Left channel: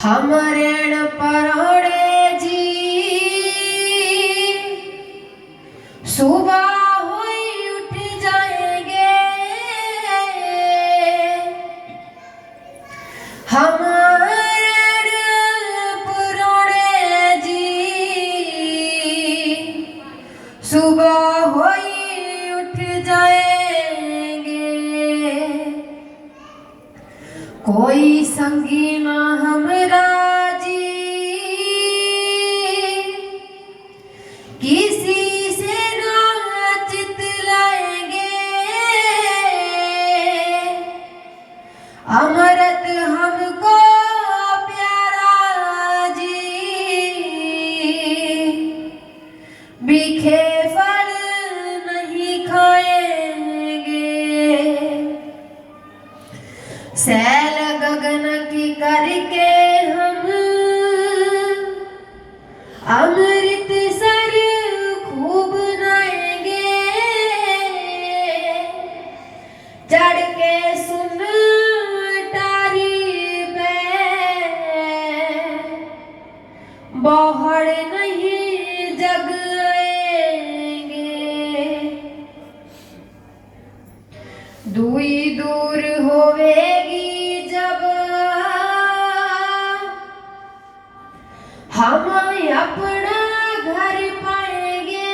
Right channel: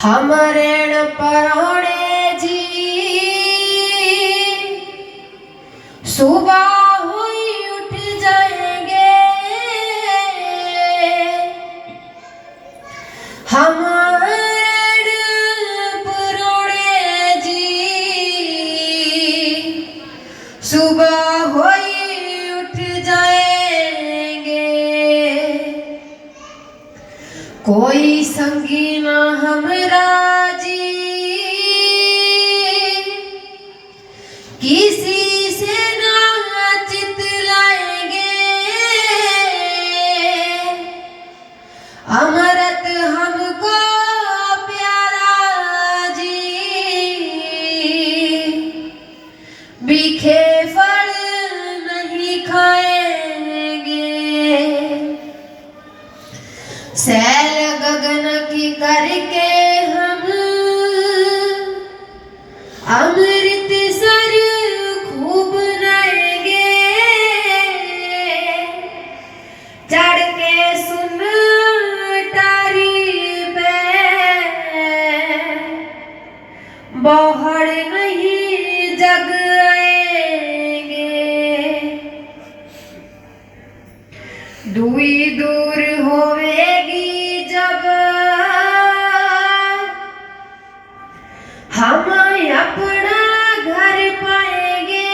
हमरेण परोड़े जी सुबह हुई उठ जाएंगे। हमरेण परोड़े जी सुबह हुई उठ जाएंगे। कोई संगी ना हमरा जी किसी से ना चित लाएंगे। अमृत हमको प्यारा जी बीखे फल नहीं खाएंगे। सैल गगन की करके हम अमृत सर खूब नएंगे। चढ़ के सुन टारी पे बोहड़ नहीं जग आएंगे। दुई दूर होवेगी जब हम अपना घर पाएंगे।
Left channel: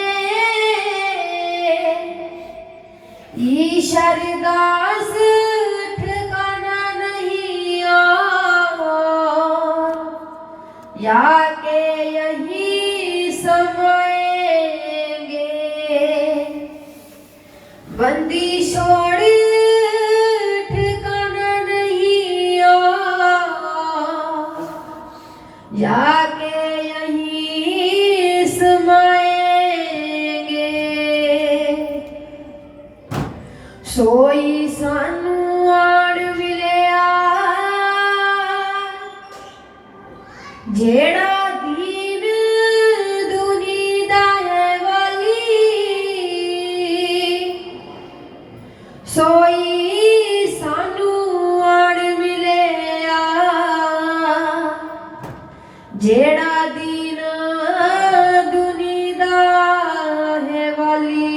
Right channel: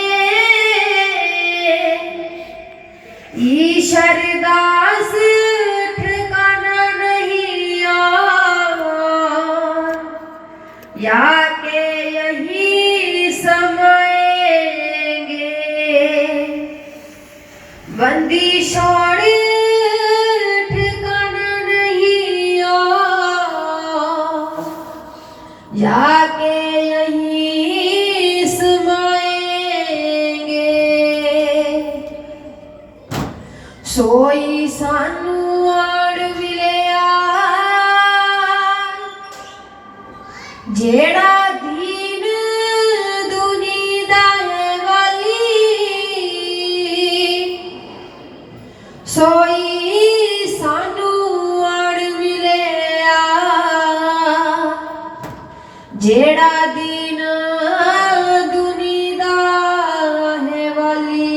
ईश्वर दास ठिकाना नहीं और या के यही समाएंगे। बंदी छोड़ ठिकाना नहीं और या के यहीं समाएंगे। सोई सानू आड़ मिलिया जेड़ा दीन दुनी दा है वाली। सोई सानू आड़ मिलिया जेड़ा दीन दुनी दा है वाली।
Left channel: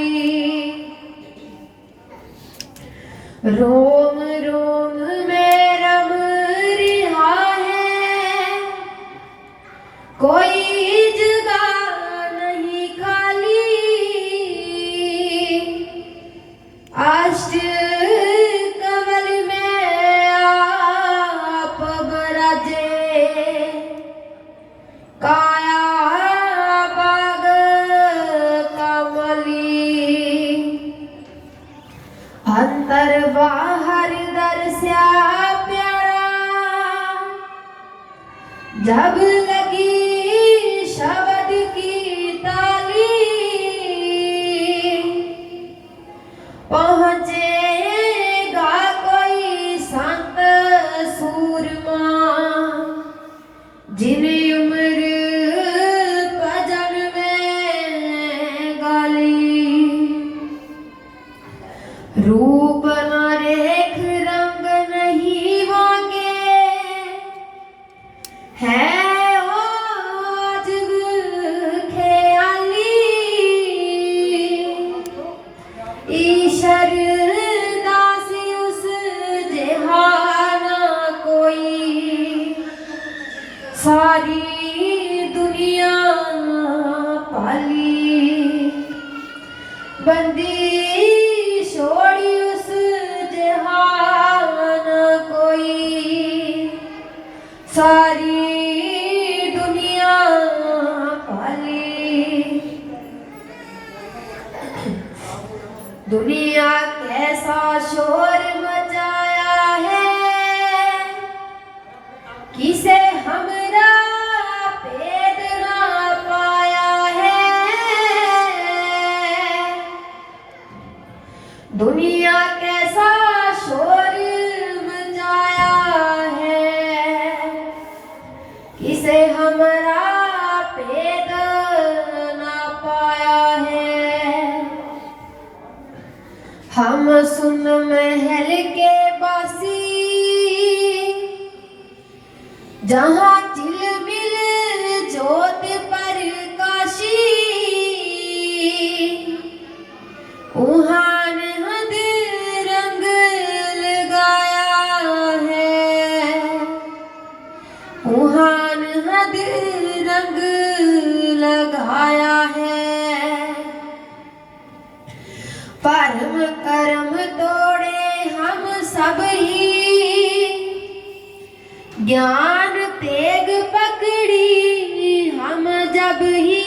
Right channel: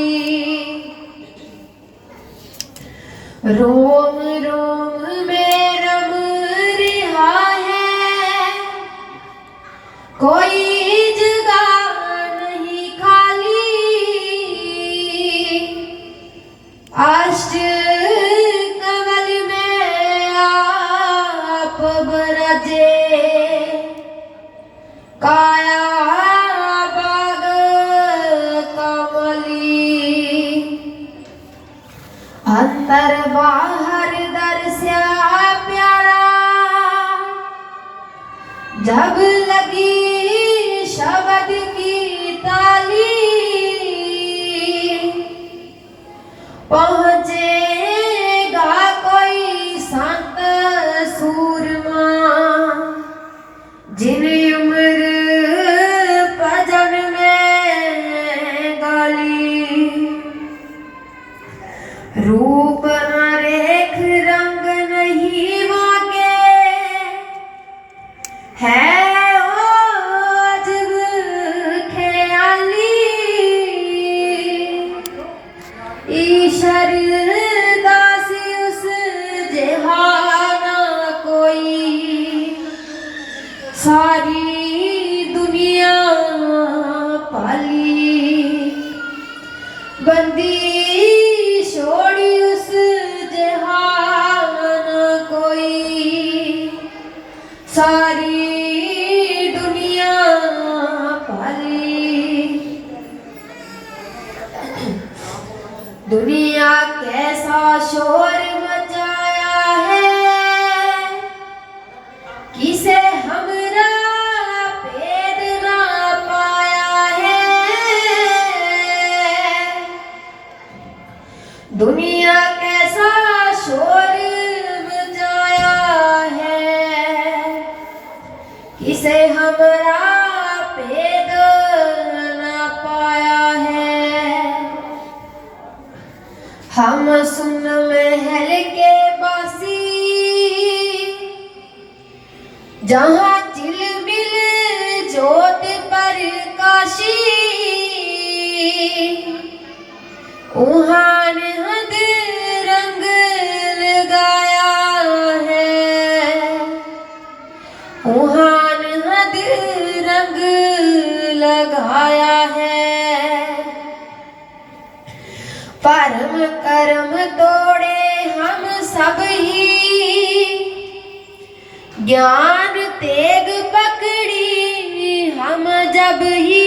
रोम रोम में रम रिहा है कोई जगह नहीं खाली। अष्ट कमल में आप बरजे काया बाग कमली। अंदर बाहर दर्शा प्यारा जब लगी शब्द की ताली। पहुंचेगा कोई संत सूरमा जिन उम्र भजन में गाली। रूप न रेख रंग नहीं मांगे है ओ अजब ख्याली। ईश्वर दास उस जहाना कोई सारी दुनिया पाली। बंदी छोड़ी उस जहान कोई सारी दुनिया पाली। दुनिया कैसा शोर मचाया है किसे हमरा भेद ना पाया है। दुनिया कैसा शोर मचाया है किसे हमरा भेद ना पाया है। हम सुन महल के बासी जहाँ चिलमिल ज्योत प्रकाशी, उहाँ निहद रंग लगाया है, उहाँ निहद रंग लगाया है। परम कर्म तोड़े हम सब ही, ज्ञान तेग पकड़ी हम जब ही,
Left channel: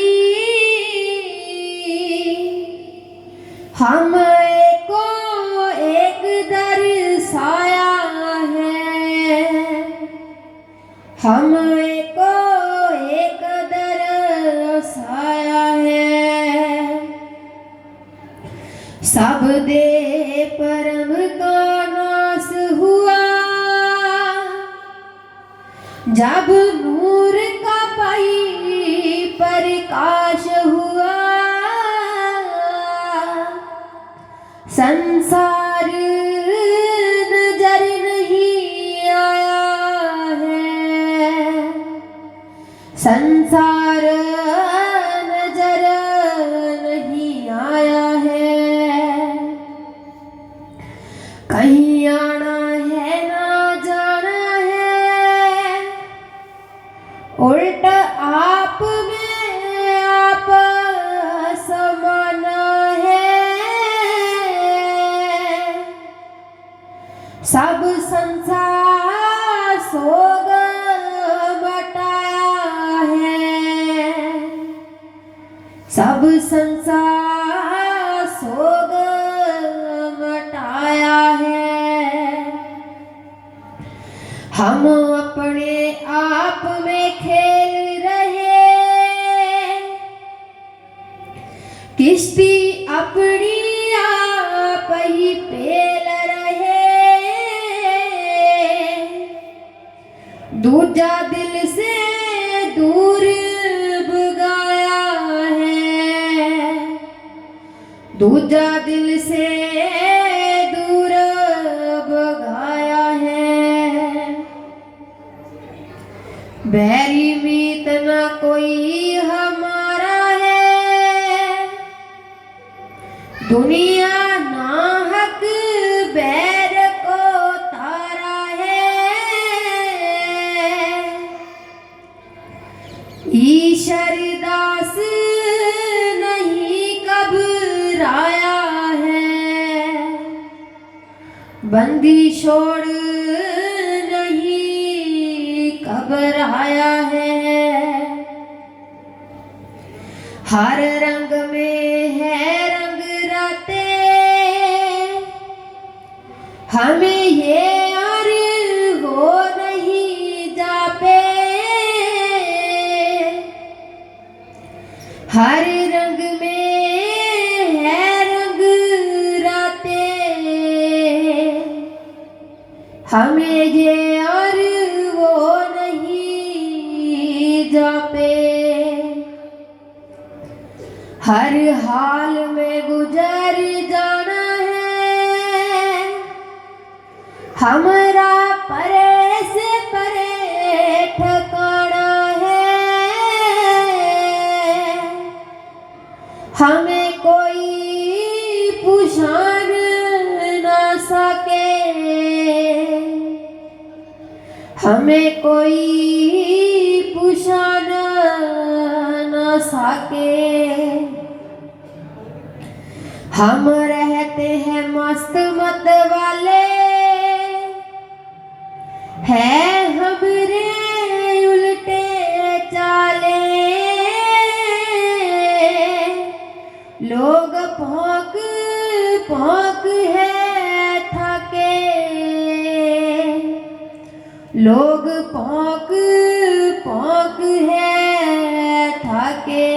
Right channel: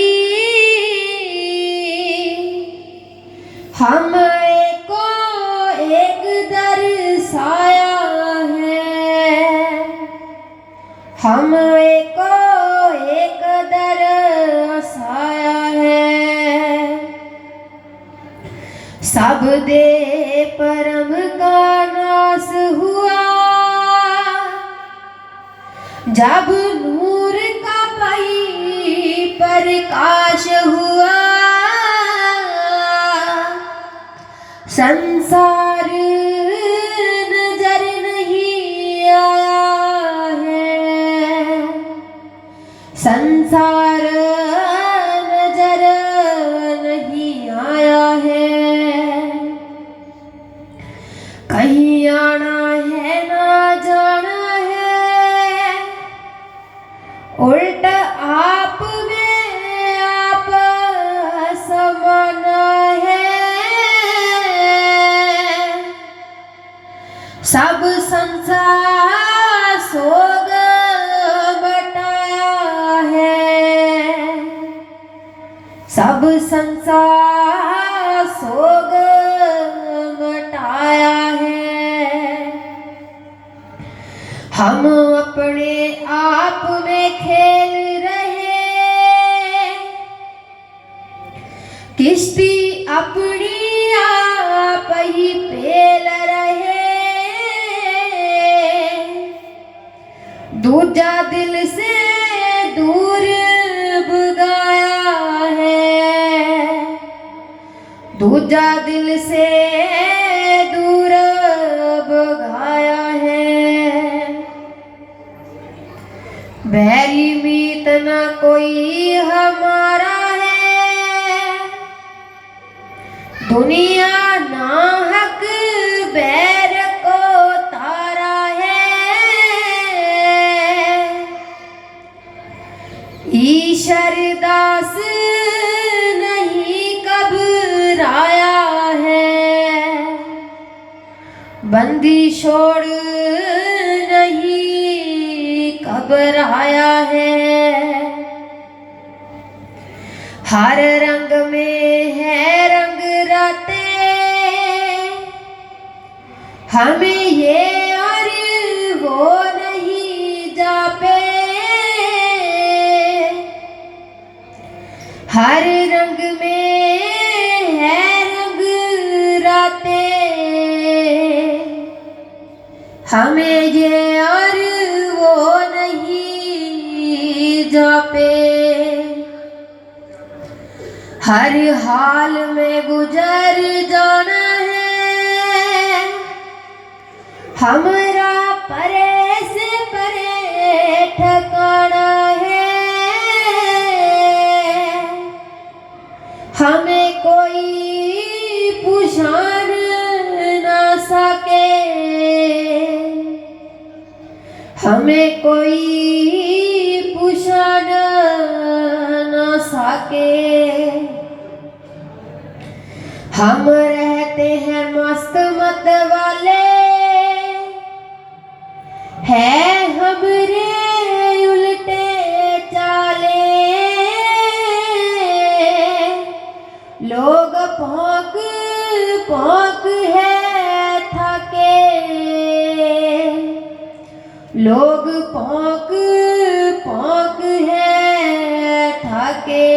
हम एको एक दर्शाया है, हम एको एक दर्शाया है। सब दे परम का नाश हुआ, जब नूर का पाई प्रकाश हुआ। संसार नजर नहीं आया है, संसार नजर नहीं आया है। कहीं आना है ना जाना है, उल्टा आप में आप समाना है। सब संसार सोग बटाया है, सब संसार सोग बटाया है। हम अपने आप में खेल रहे, किश्ती अपनी आप ही पेल रहे। दूजा दिल से दूर भगाया है, दूजा दिल से दूर भगाया है। बैरी मीत न कोई हमारा है, दुनिया नाहक बैर को तारा है। ईश्वर दास नहीं घबराया है, बंदी छोड़ नहीं घबराया है। हर रंग में है रंग राते, हमें ये और वो नहीं जापे। हर रंग में है रंग राते, हमें ये और वो नहीं जापे। हर हाल में गुजर जाना है, हमरा परे से परे ठिकाना है। हमें कोई पहचान ना सके, हमें कोई पहचान ना सके। हम रहते हैं मस्त मत वाले, है हमरे उल्टे चाले। लोग भौंक भौंक है थके, लोग भौंक भौंक है थके।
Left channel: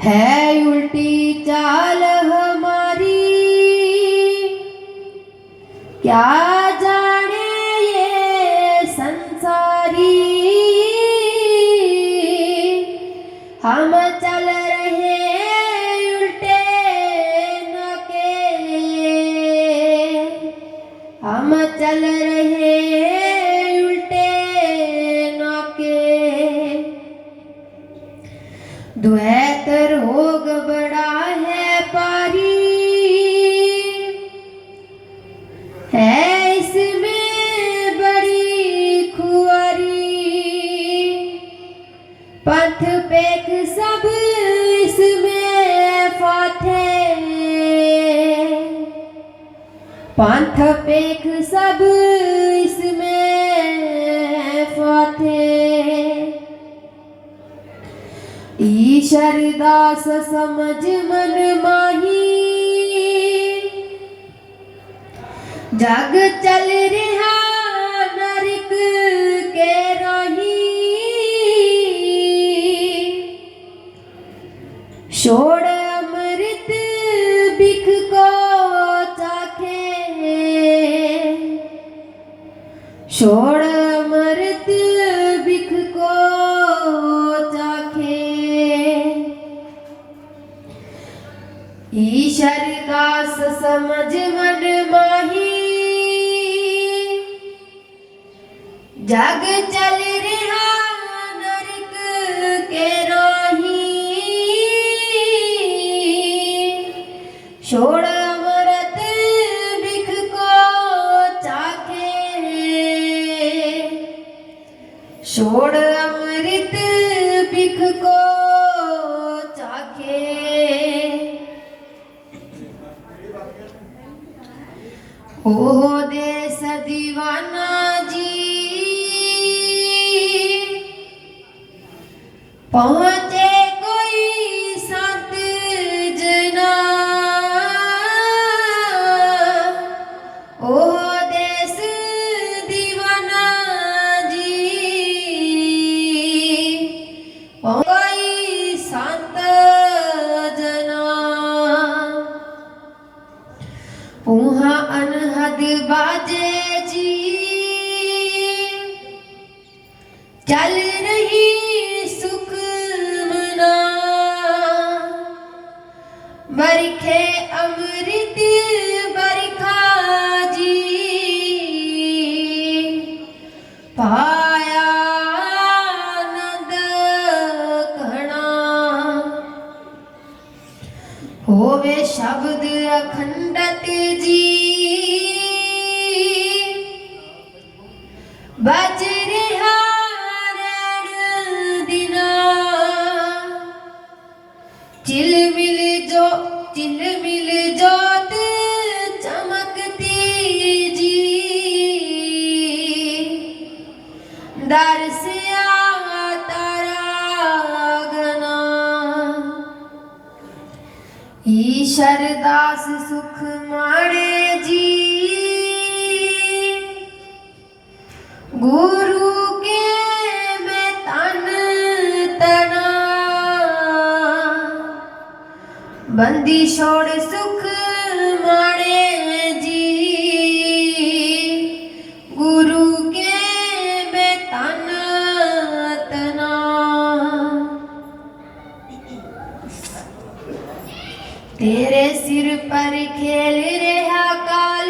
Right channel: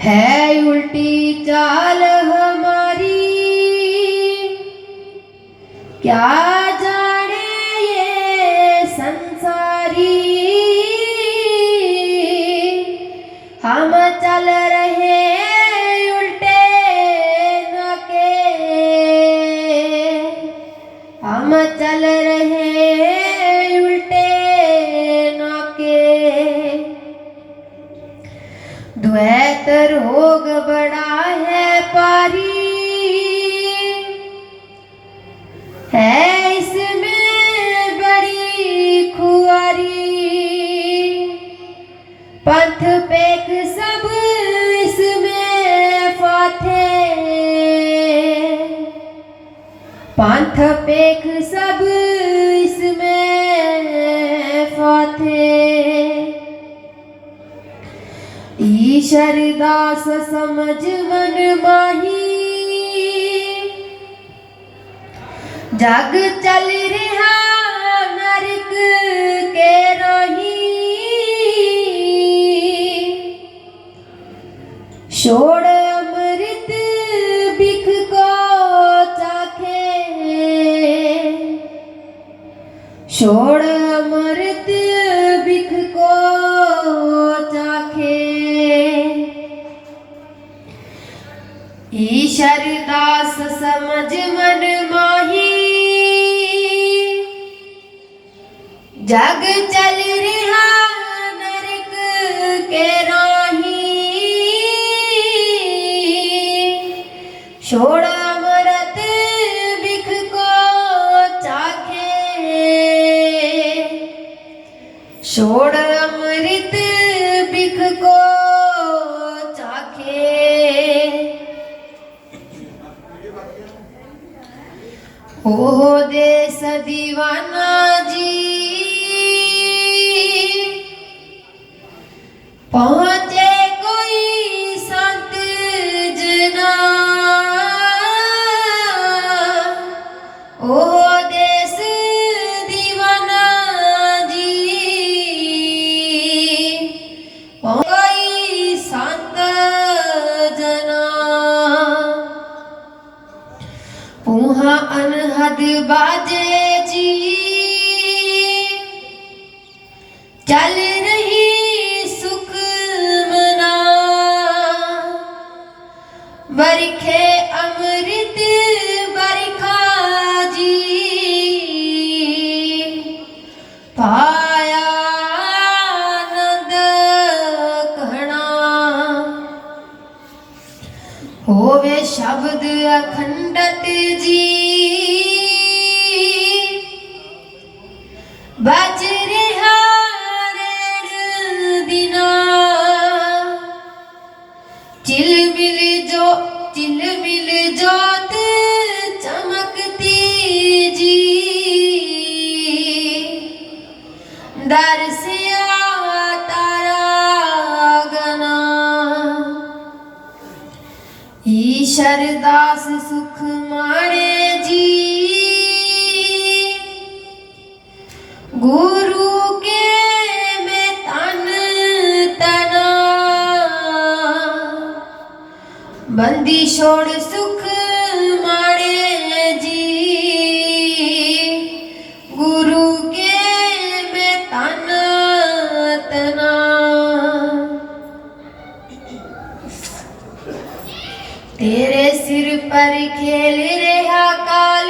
है उल्टी चाल हमारी, क्या जाने पंथ पेख सब इसमें फाथे। ईशर दास समझ मन माही जग चल रहा नरक के राही। छोड़ अमृत बिख को चाखे, छोड़ अमृत बिख को चाखे। ईशर दास समझ मन माही जग चल रहा नरक के राही। छोड़ अमृत बिख को चाखे, छोड़ अमृत बिख को चाखे। ओ देश दीवाना जी पहुँचे कोई संत जना। ओ देश दीवाना जी कोई संत जना। पुहा अनहद बाजे जी चल रही सुख मना। बरखे अमृत बरखा जी पाया आनंद घना। होवे शब्द अखंडत जी बच रहा रैण दिना। चिलमिल जोत चमकती जी दरसिया तारा गना। ईशर दास सुख माणे जी गुरु के में तन तना। बंदी छोड़ सुख माणे जी गुरु के में तन तना। तेरे सिर पर खेल रहा काल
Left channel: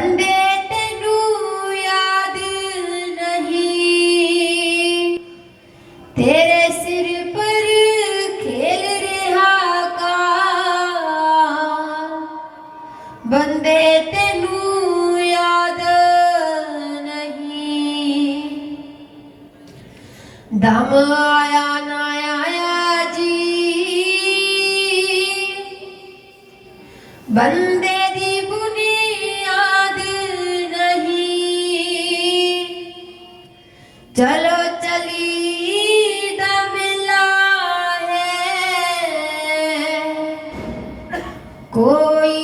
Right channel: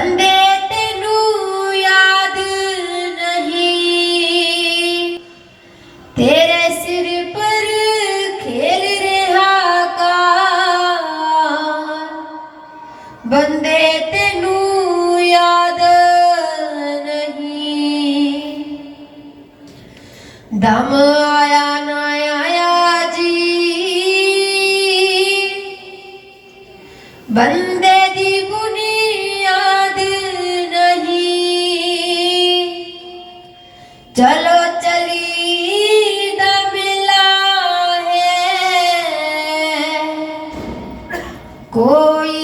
बंदे तेनू याद नहीं। तेरे सिर पर खेल रहा काल बंदे तेनू याद नहीं। दम आया ना आया जी बंदे दी बुनियाद नहीं। चलो चली दा मिला है कोई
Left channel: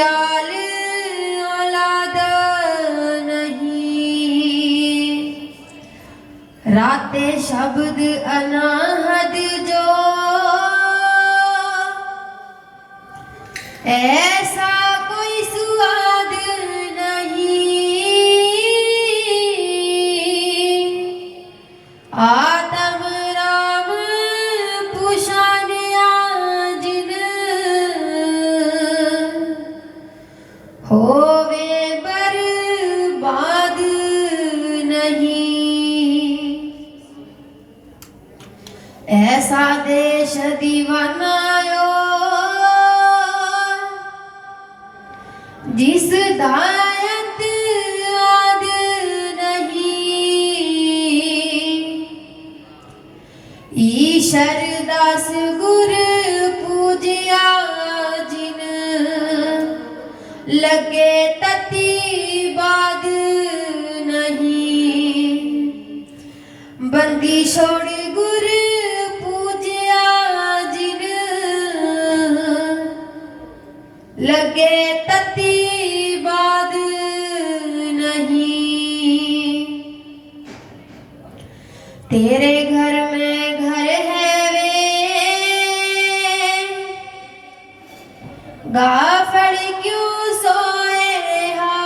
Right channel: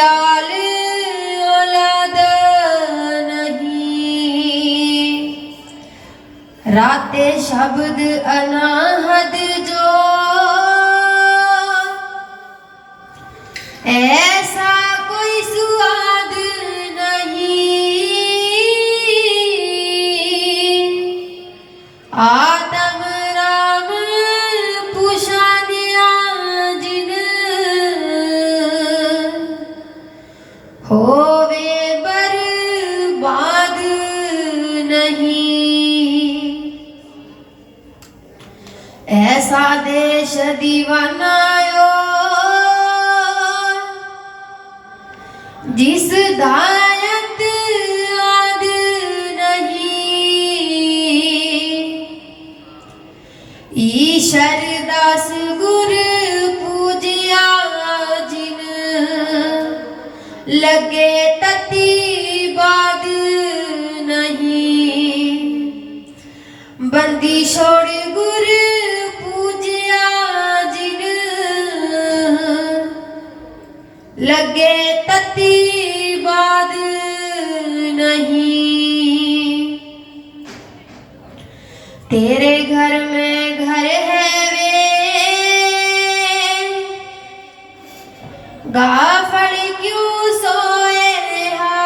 आल औलाद नहीं। राते शब्द अनाहद जो ऐसा कोई स्वाद नहीं। आत्म राम पुषानिया जिन होवे बर्बाद नहीं। ऐसा देश दीवानायो जिस दायत आद नहीं। ईशर दास गुर पूजिया जिन तेरे घर में घर है वे गाफड़ क्यों सोए रहा।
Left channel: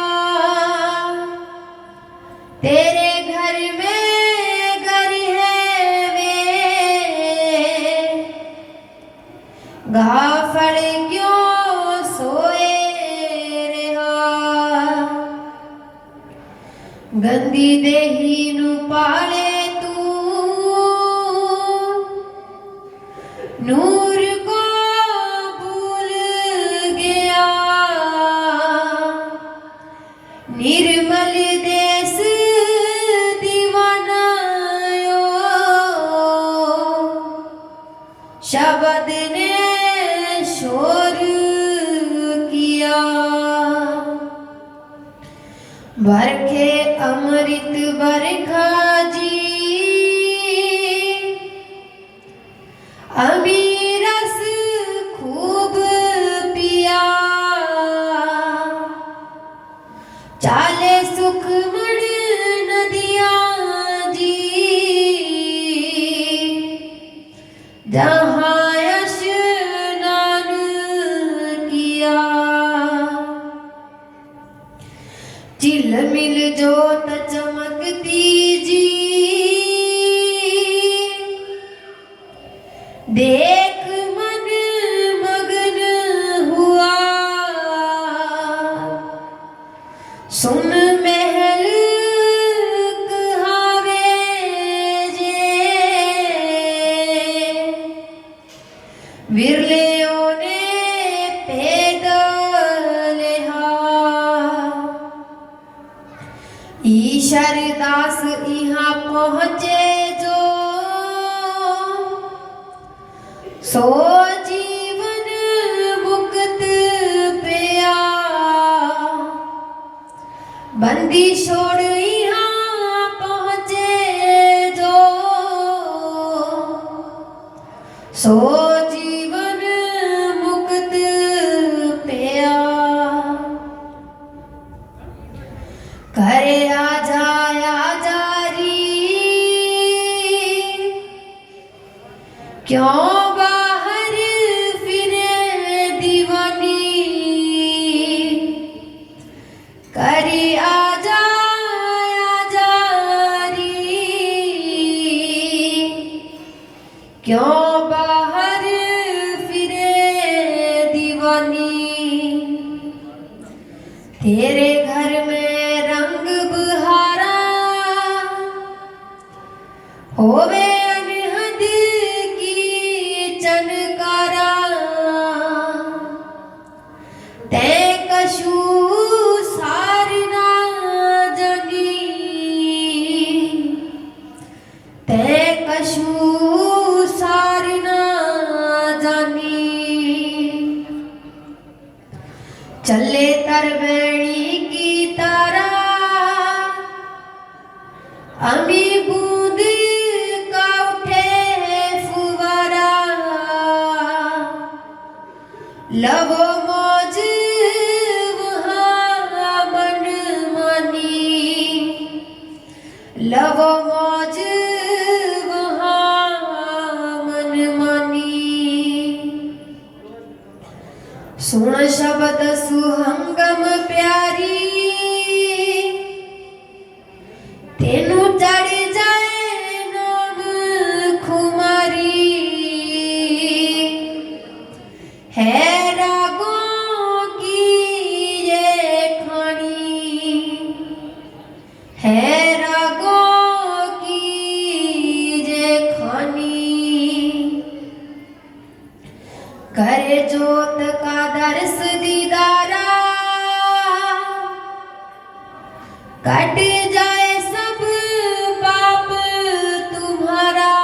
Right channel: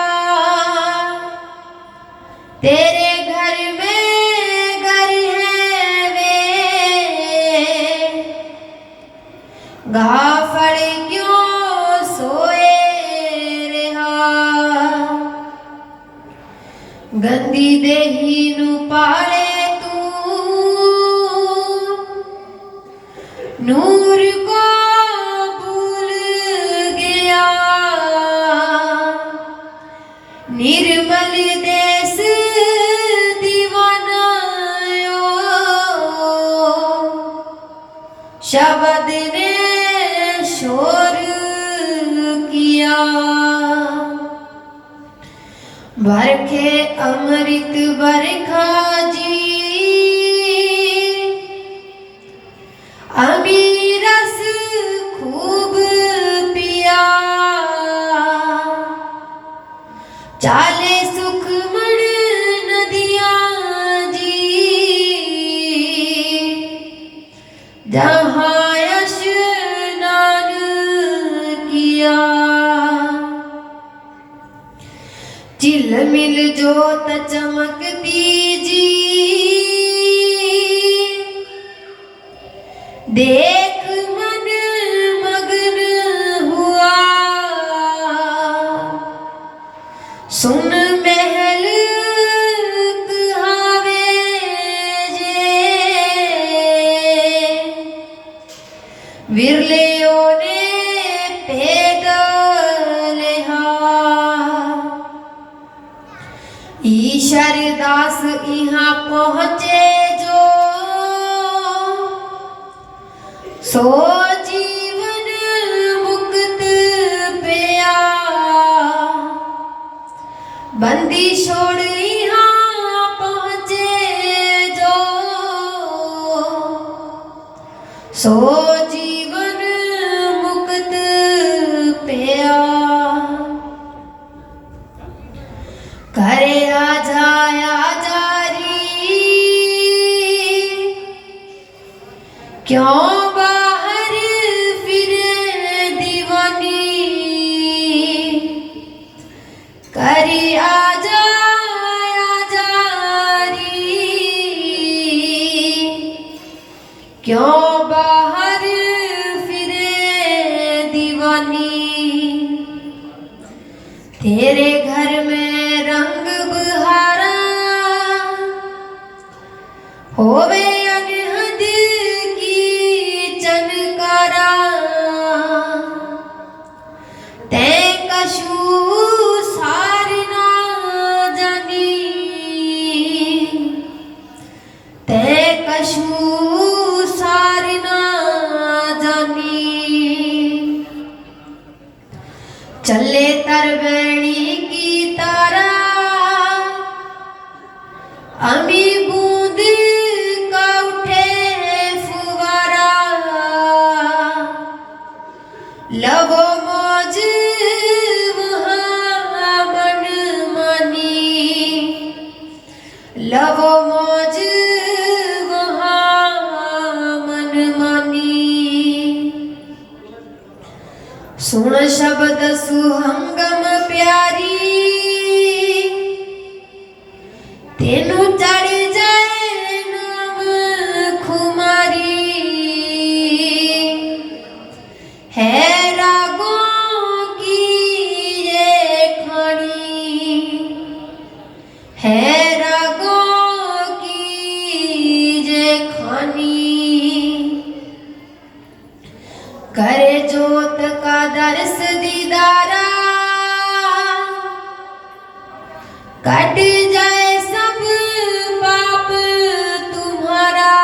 तेरे घर में घर है वे गाफड़ क्यों सोए रहा। गंदी देही नू पाले नूर को भूल गया। निर्मल देश दीवानायो शब्द ने शोर किया। बरखे अमृत बरखा जी अभी रस खूब पिया। चाले सुखमण नदियाँ जी जहाँ स्नान किया। चिलमिल जोत चमकती जी देख मन मगन हुआ। सुन महल कहावे जे विरलेओ ने पैदल ईशर दास यहाँ पहुँचे जो सो जीवन मुक्त पिया। बंदी छोड़ यहाँ पहुँचे जो सो जीवन मुक्त पिया। करे आ जारी क्यों करी आजा क्यों बाहर फिरे दीवानी। तेरे घर में रंग बहारा होवे अनहद की चनकारा। ते कशू ते कशू सार ना जानी। चले तरवेणी की तारा अमी बूंद का उठे फुवारा। लवो मौज वहाँ मन मानी। लवो मौज सुन शब्द सुहंगम प्यारी तेनू चढ़ जाए नाम खुमारी। है रागों की ये खानी। है रागों की ये खानी। करे जोत का दर्श दीदारा कट जाए सब पाप तुम्हारा।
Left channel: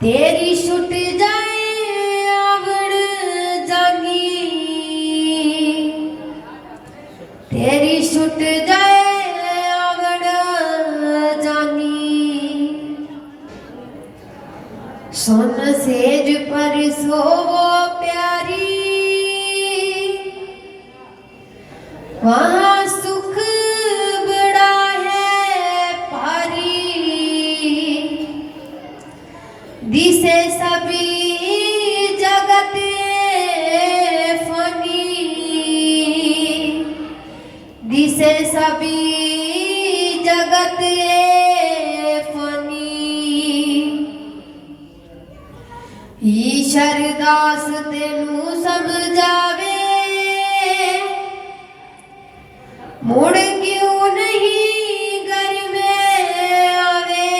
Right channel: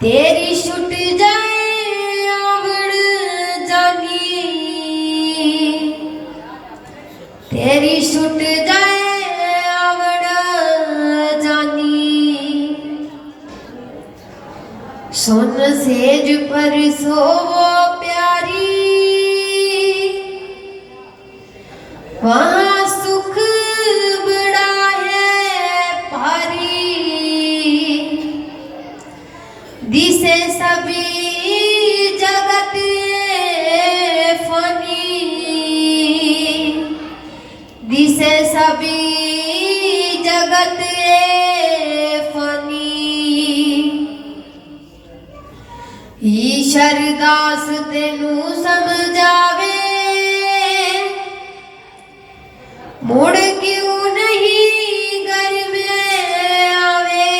तेरी छुट जाए आवड़ जानी। तेरी छुट जाए आवड़ जानी। सुन सेज पर सोवो प्यारी वहाँ सुख बड़ा है। से सभी जगत ए फनी ईश्वर दास तेनू समझावे मुड़ क्यों नहीं घर में आवे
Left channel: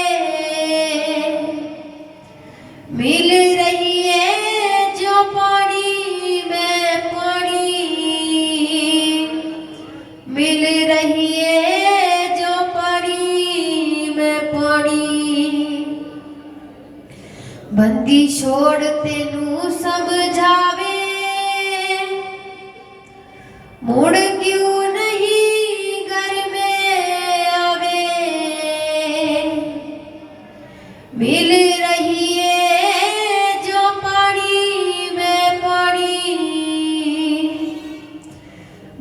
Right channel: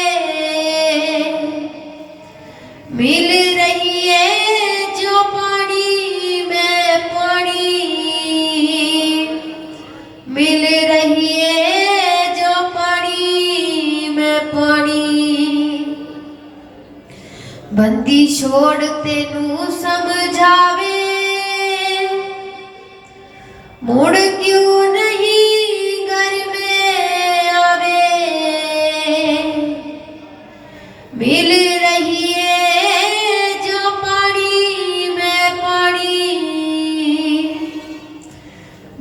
मिल रही है जो पानी में पानी मिल रही है जो पानी में पानी बंदी छोड़ तेनू समझावे मुड़ क्यों नहीं घर में आवे मिल रही है जो पानी में पानी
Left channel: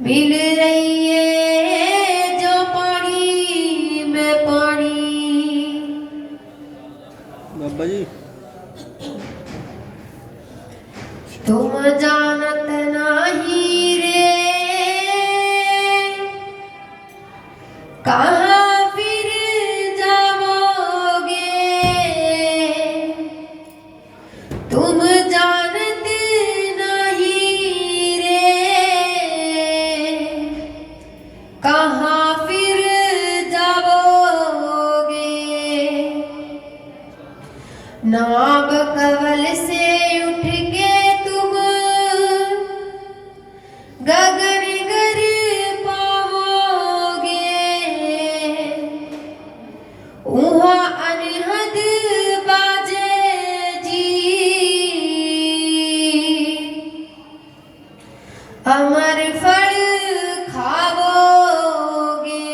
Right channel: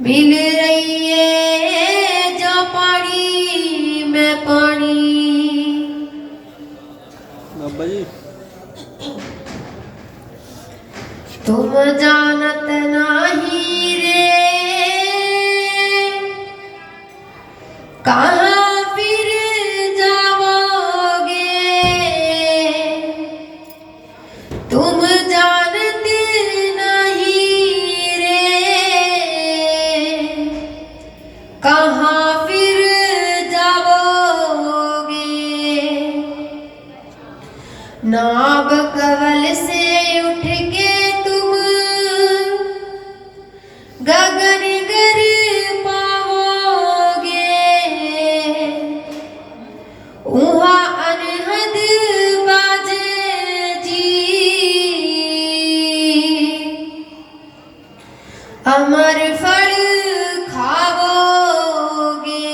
मिल रही है जो पानी में पानी। बाबा जी तुम जानत नहीं रे कहाँ फिर जाओगे तुम जानते नहीं रे कहाँ फिर जाओगे नाव कवल से उठ के तुम गगन गर पाओगे वहाँ अनहद बाजे जी अमर फल खाओगे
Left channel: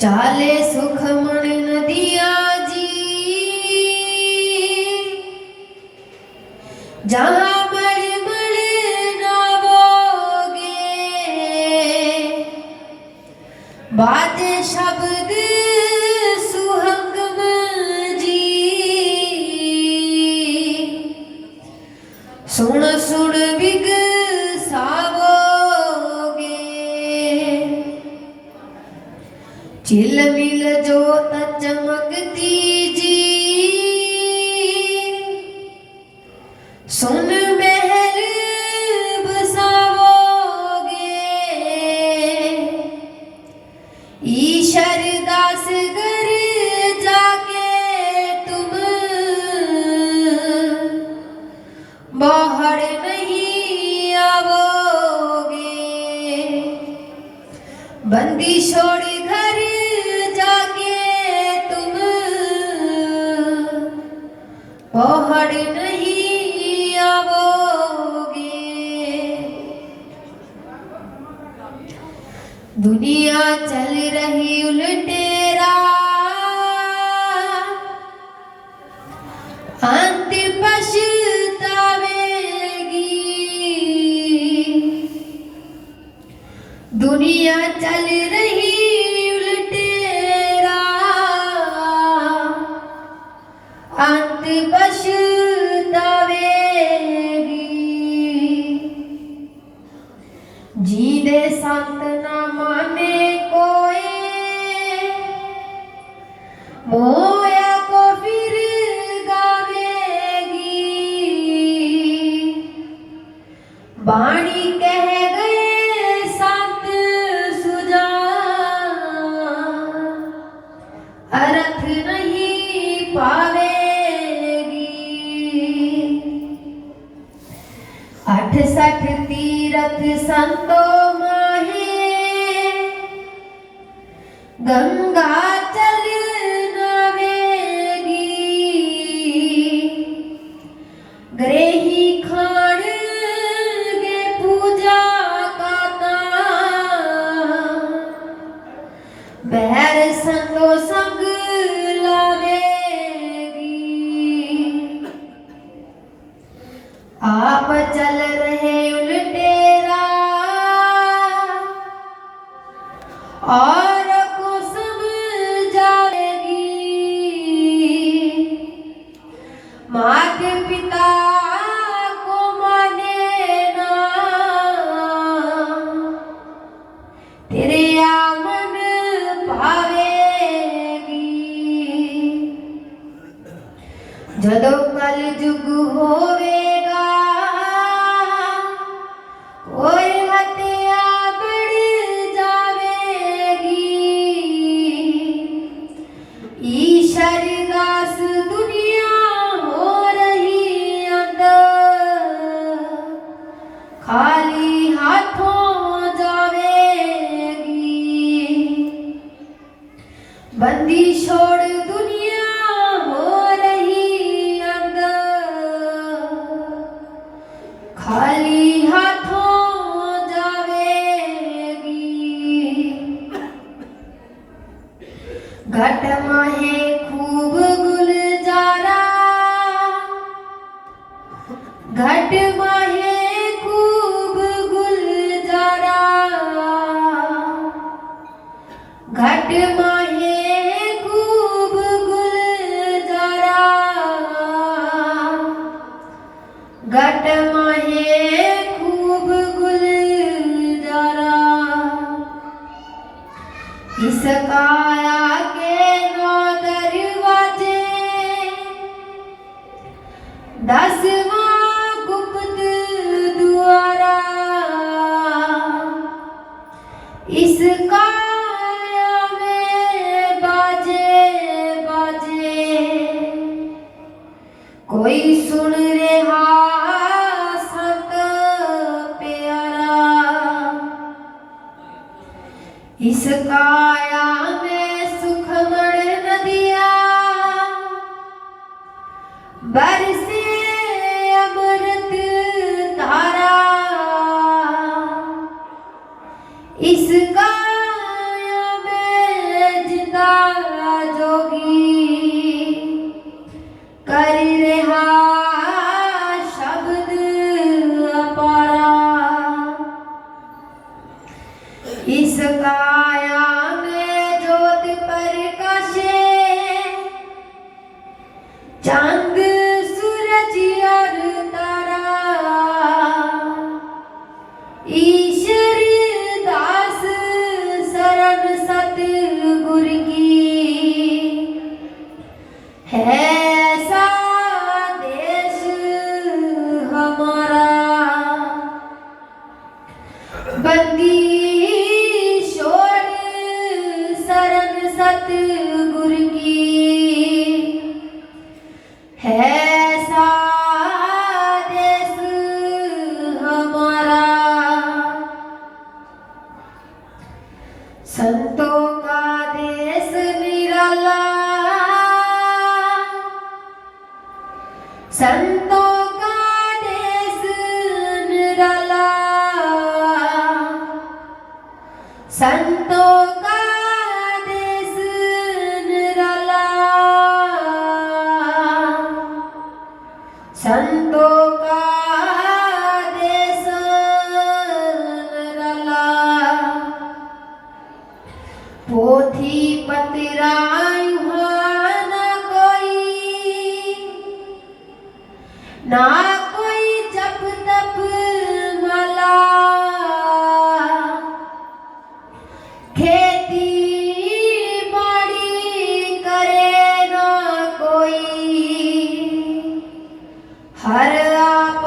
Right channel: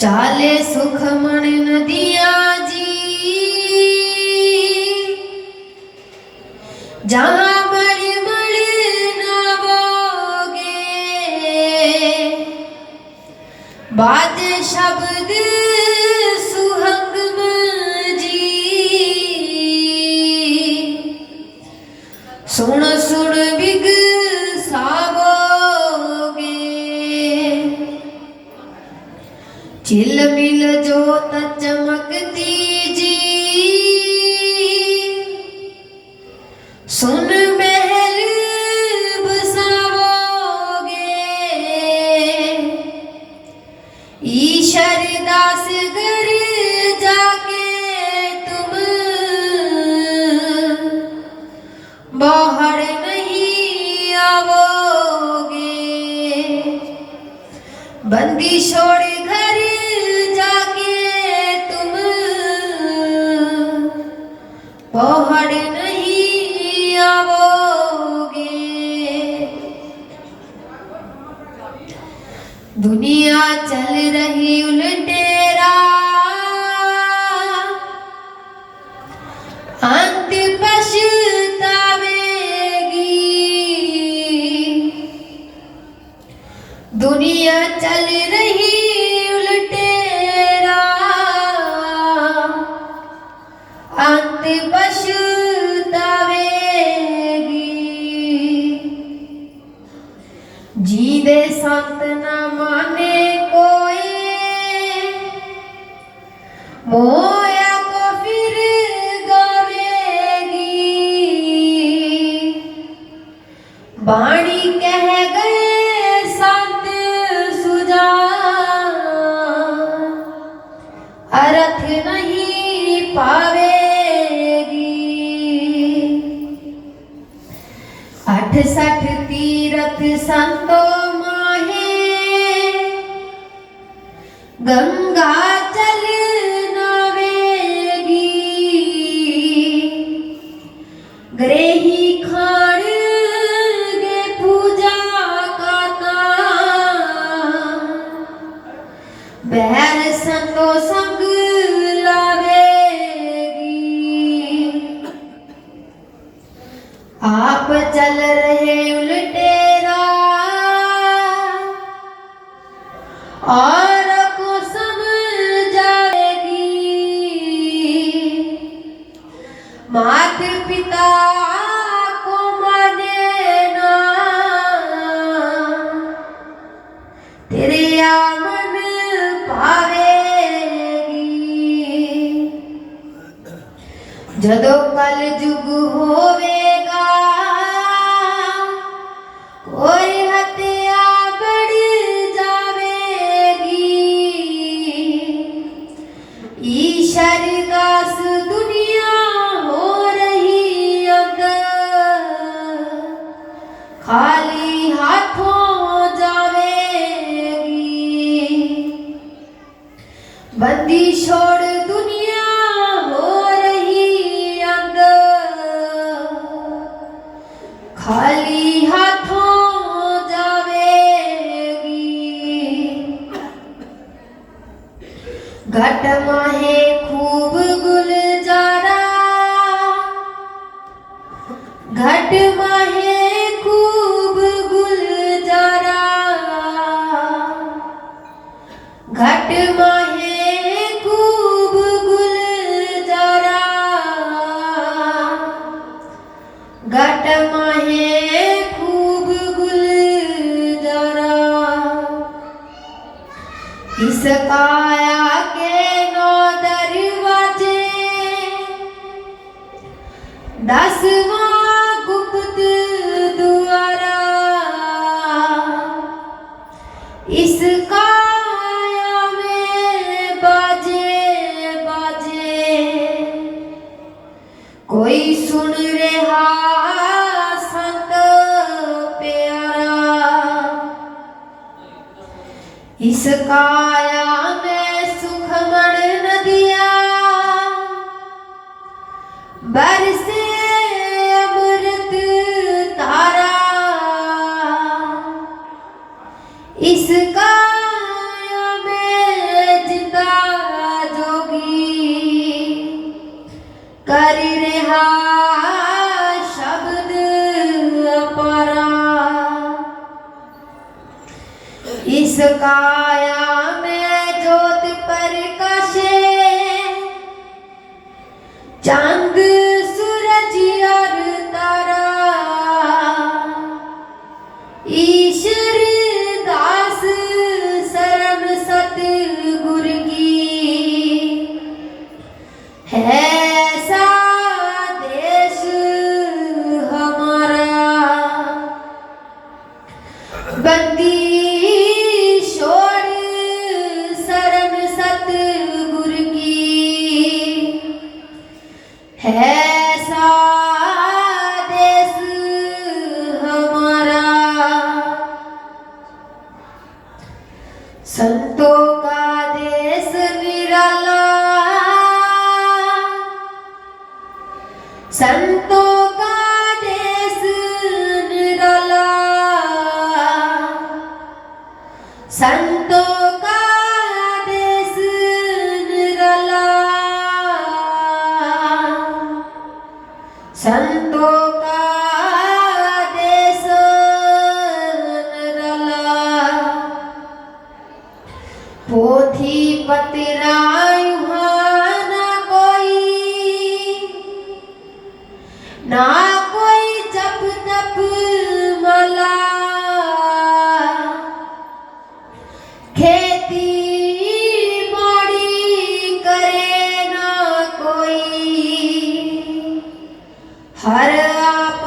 चाले सुख मन नदिया जी जहाँ मड़ नावोगे बाजे शब्द सुहंगम जी सुन सुन बिग सावोगे चिलमिल जोत चमकती जी सुन महल बसाओगे ईश्वर दास घर जाके तुम बाहर नहीं आओगे बंदी छोड़ घर जाके तुम बाहर नहीं आओगे दुनिया चल रही उल्टेरा अंत पछतावेगी दुनिया चल रही उल्टेरा अंत पछतावेगी जीदे संत न माने कोई मोया को फिर गावेगी बाणी कह गए संत सुजा अर्थ नहीं पावेगी 68 तीरथ संतो माहे गंगा चल नावेगी ग्रेही खान गे पूजा काता बैर संतो संग लावेगी आप चल रहे उल्टेरा और को समझावेगी तेरे आमन पावेगी। जदों कल जुग होवेगा कोई हत्या बढ़ जावेगी। ईश्वर दास दुनिया हो रही अंदर, खाली हाथों जावेगी। बंदी छोड़ दुनिया हो रही अंदर, खाली हाथों जावेगी। घट माहे खूब गुलजारा, घट माहे खूब गुलजारा, घट माहे खूब गुलजारा, घट माहे खूब गुलजारा। इस काया के 9 दरवाजे, 10वां गुप्त द्वारा। इस काया में बाजे बाजे, कोई सुन रहा संत प्यारा। इस काया में सुखमण नदिया, बरसे अमृत धारा। इस काया में जिंदा जोगी, करी रहा शब्द अपारा। इस काया में ज्योत प्रकाशे, चांद सूरज और तारा। ईश्वर दास शरण सतगुर की, है ऐसा देश हमारा। बंदी छोड़ शरण सतगुर की, है ऐसा देश हमारा। संतों का देश निराला, संतों का देश निराला, संतों का देश निराला, संतों का देश निराला। पोथी पतरा युहां ना कोई, ना कोई जप तप मला। खेती बाड़ी करे ना कोई, हर आप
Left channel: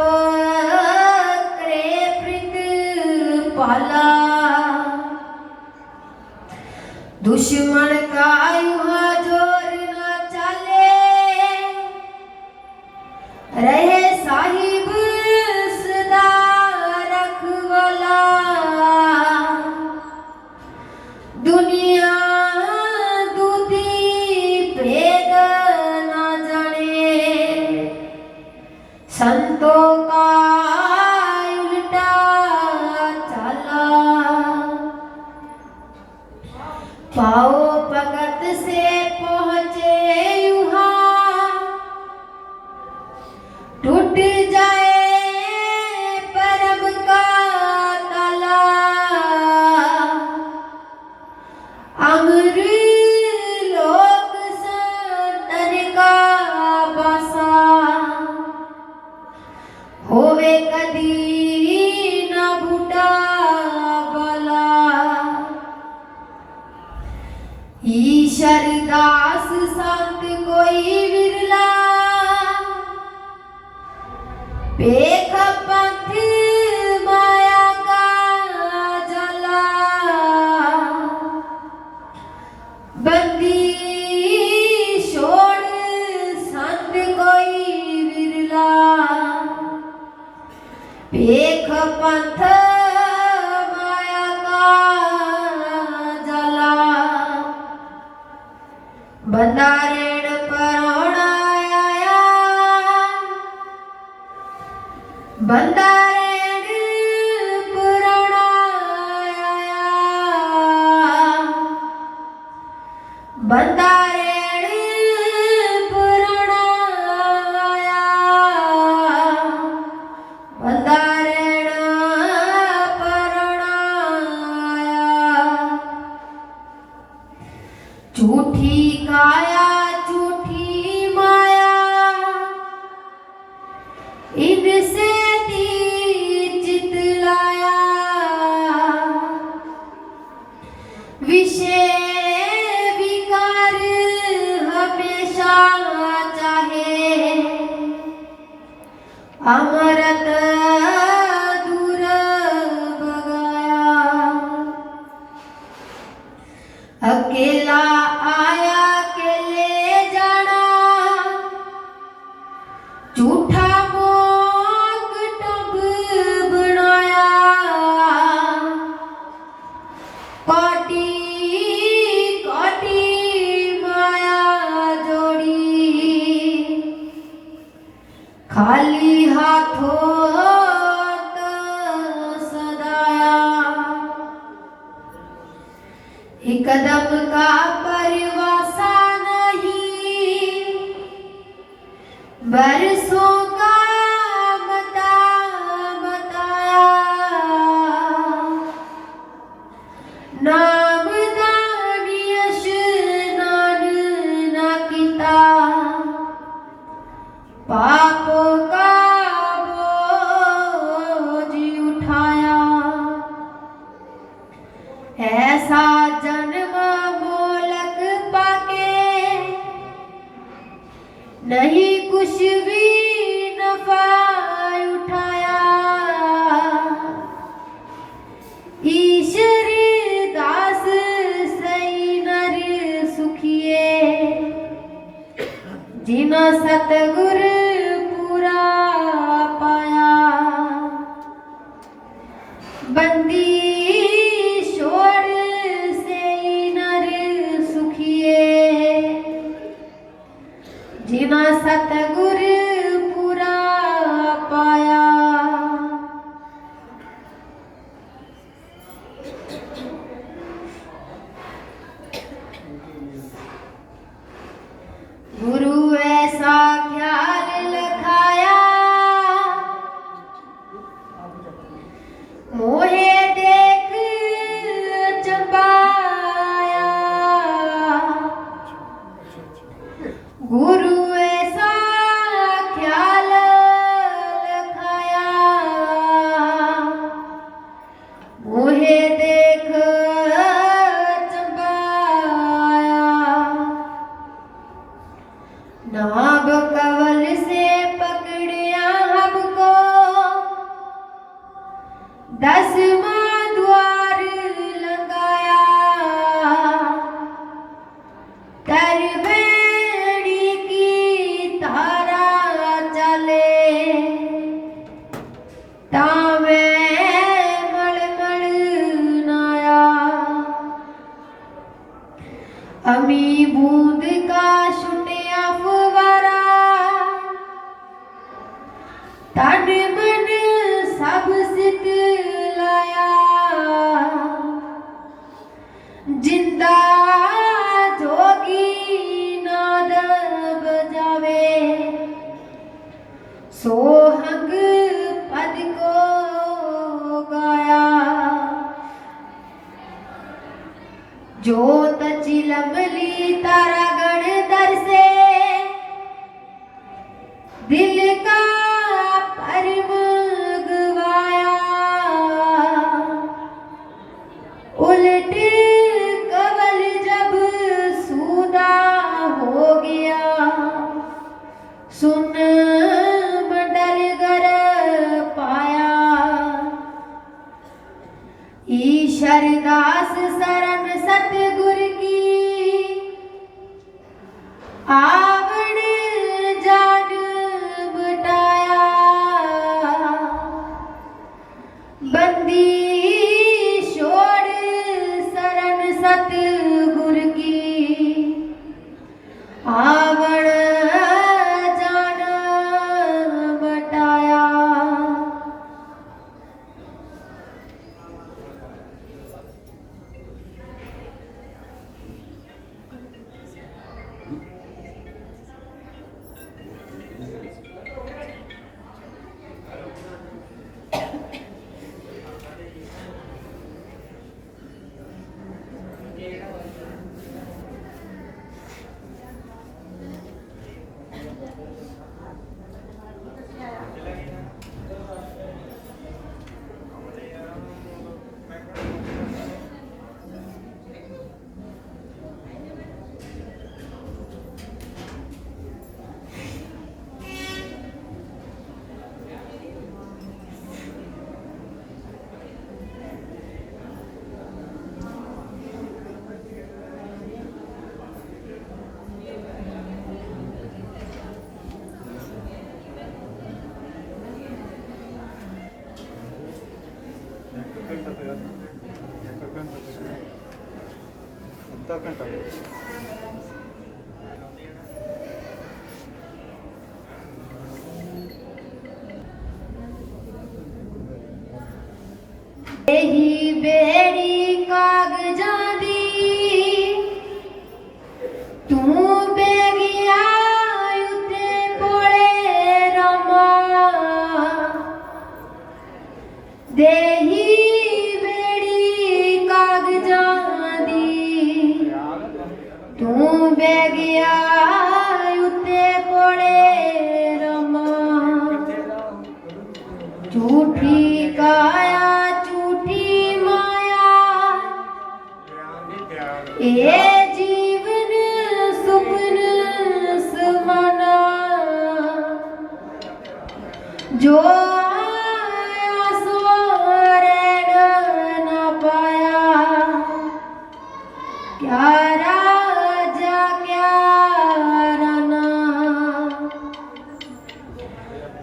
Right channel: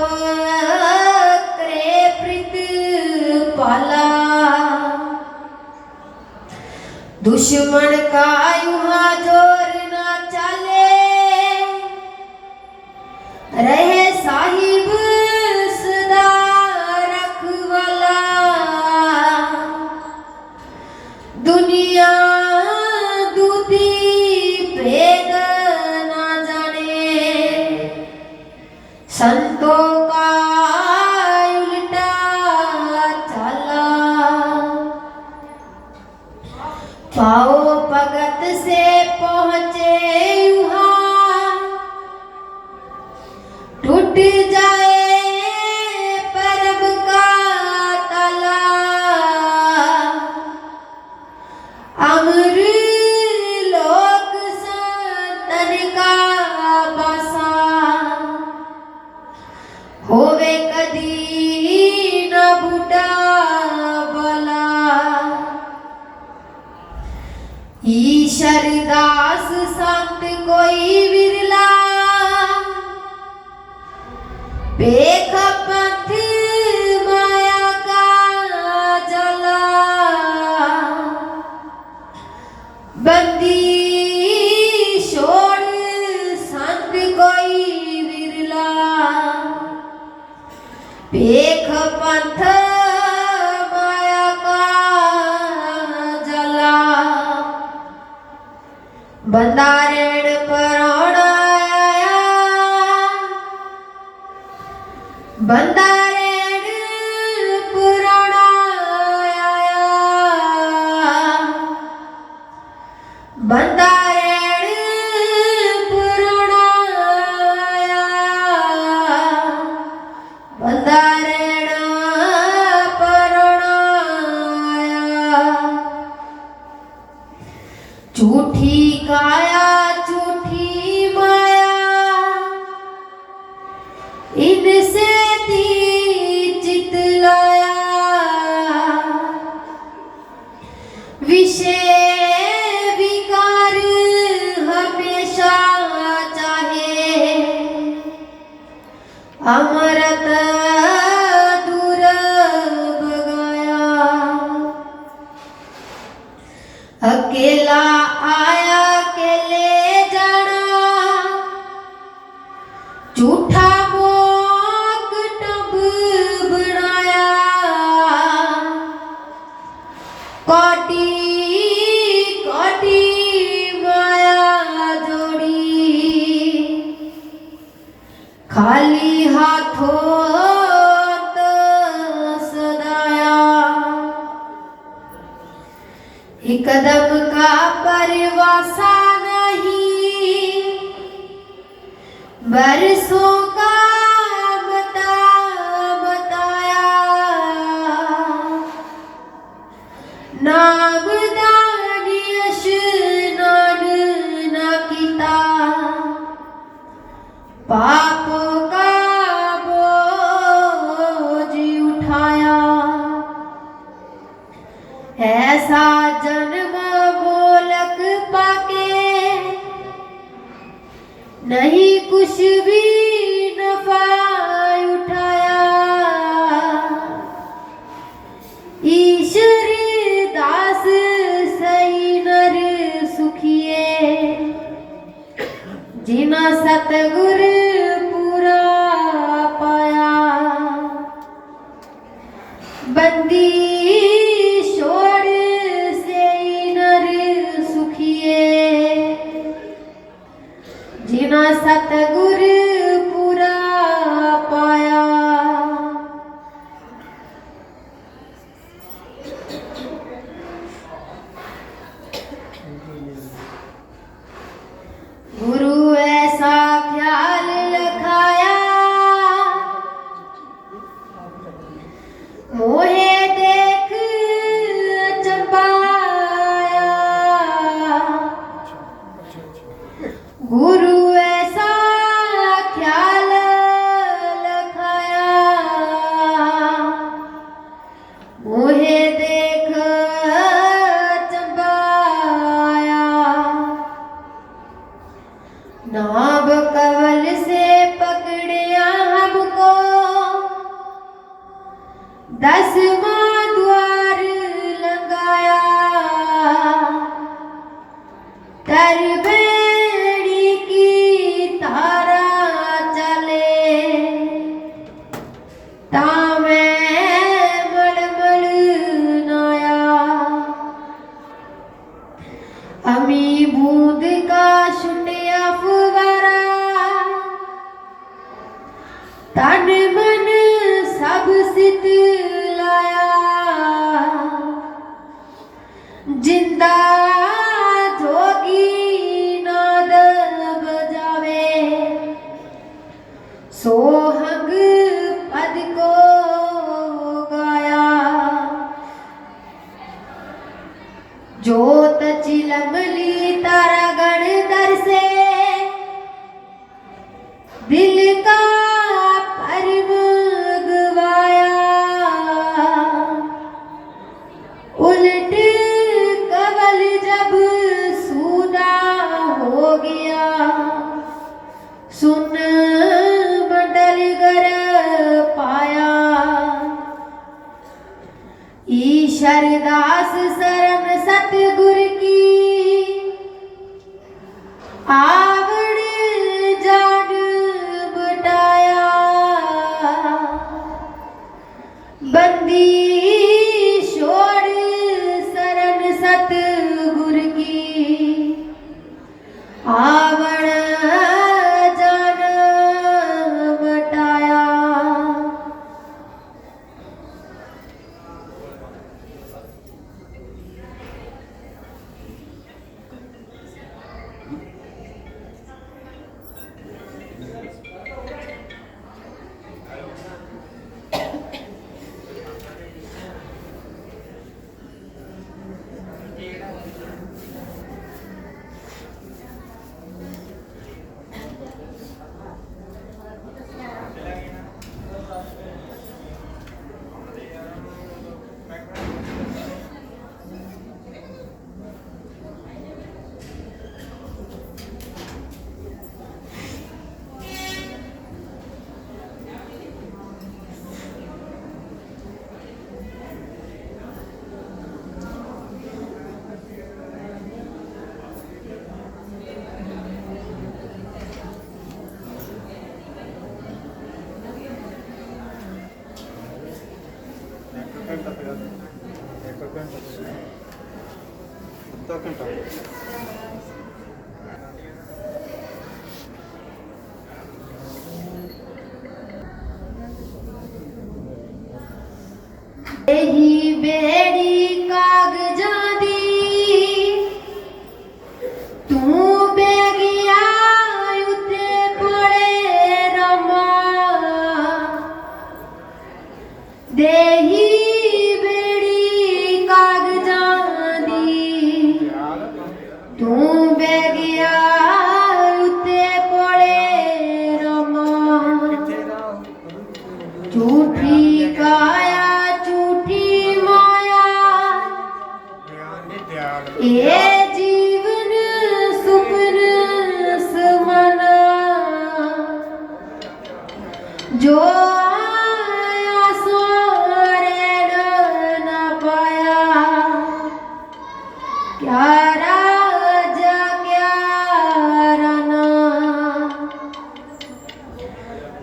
करे प्रतिपाला। दुश्मन का युहा जोर ना चले, रहे साहिब सदा रखवाला। दुनिया दूती भेद ना जाने, संतों का उल्टा चला। पाओ भगत से पहुँचे युहां, टूट जाए परम का ताला। अमर लोक संतन का बसा, होवे कदी न बूटा बला। ईश्वरदास संत कोई विरला, पेख पंथ माया का जला, बंदी छोड़ संत कोई विरला, पेख पंथ माया का जला, बंदारेण परोणाया, बंदारेण पुराणाया, बंदारेण पुराणाया, बंदारेण पुराणाया, झूठी काया झूठी माया, इनसे चित लाया, विषय विकार हमेशा चाहे, अमृत दूर भगाया, अकेला आया अकेले जाना, झूठा मोक टब बनाया, कोटि कोटि माया जोड़ी, खाली हाथों तो सदाया, एक कदम का परवासा नहीं, बरसों का बताया, नाम दानी स्नान न कीता, पापों का बोझ उठाया, ऐसा जन्म मोलक पाके, नहीं कुछ भी नफा उठाया, ईश्वरी दास सही नर सुखिए, जिना सतगुर पूरा पाया, बंदी छोड़ से नर सुखिए, जिना सतगुर पूरा पाया। गुरु ऐसा ख्याल रखाया, मोहे देख चंपाया, गुरु ऐसा ख्याल रखाया, मोहे देख चंपाया, नाभ कवल से पकड़िया हमको, 10वां द्वार लगाया, तरबेड़ी की तारा चले, तामे मड़मड़ नाया, अमी बूंद का छुटिया फुवारा, तन मन सब सित लाया, जिंदा जोगी नाद बजावे, सोहंग पद को गाया, जोत चिलमली तारा गण दर से, दिल का परम गवाया, उलट कवल जब सू ईशरदास शरण सतगुर की आवड़ जान बटाया। बंदी छोड़ शरण सतगुर की आवड़ जान बटाया। यही बेड़ी कागजां दी तू बेगिया उते पड़े रमा। देही बेड़ी कागजां दी तू बेगिया उते पड़े रमा। झूठी काया ये जीवन सुपन समाना। जो आया सो रह न पाया। क्या राजा क्या राना।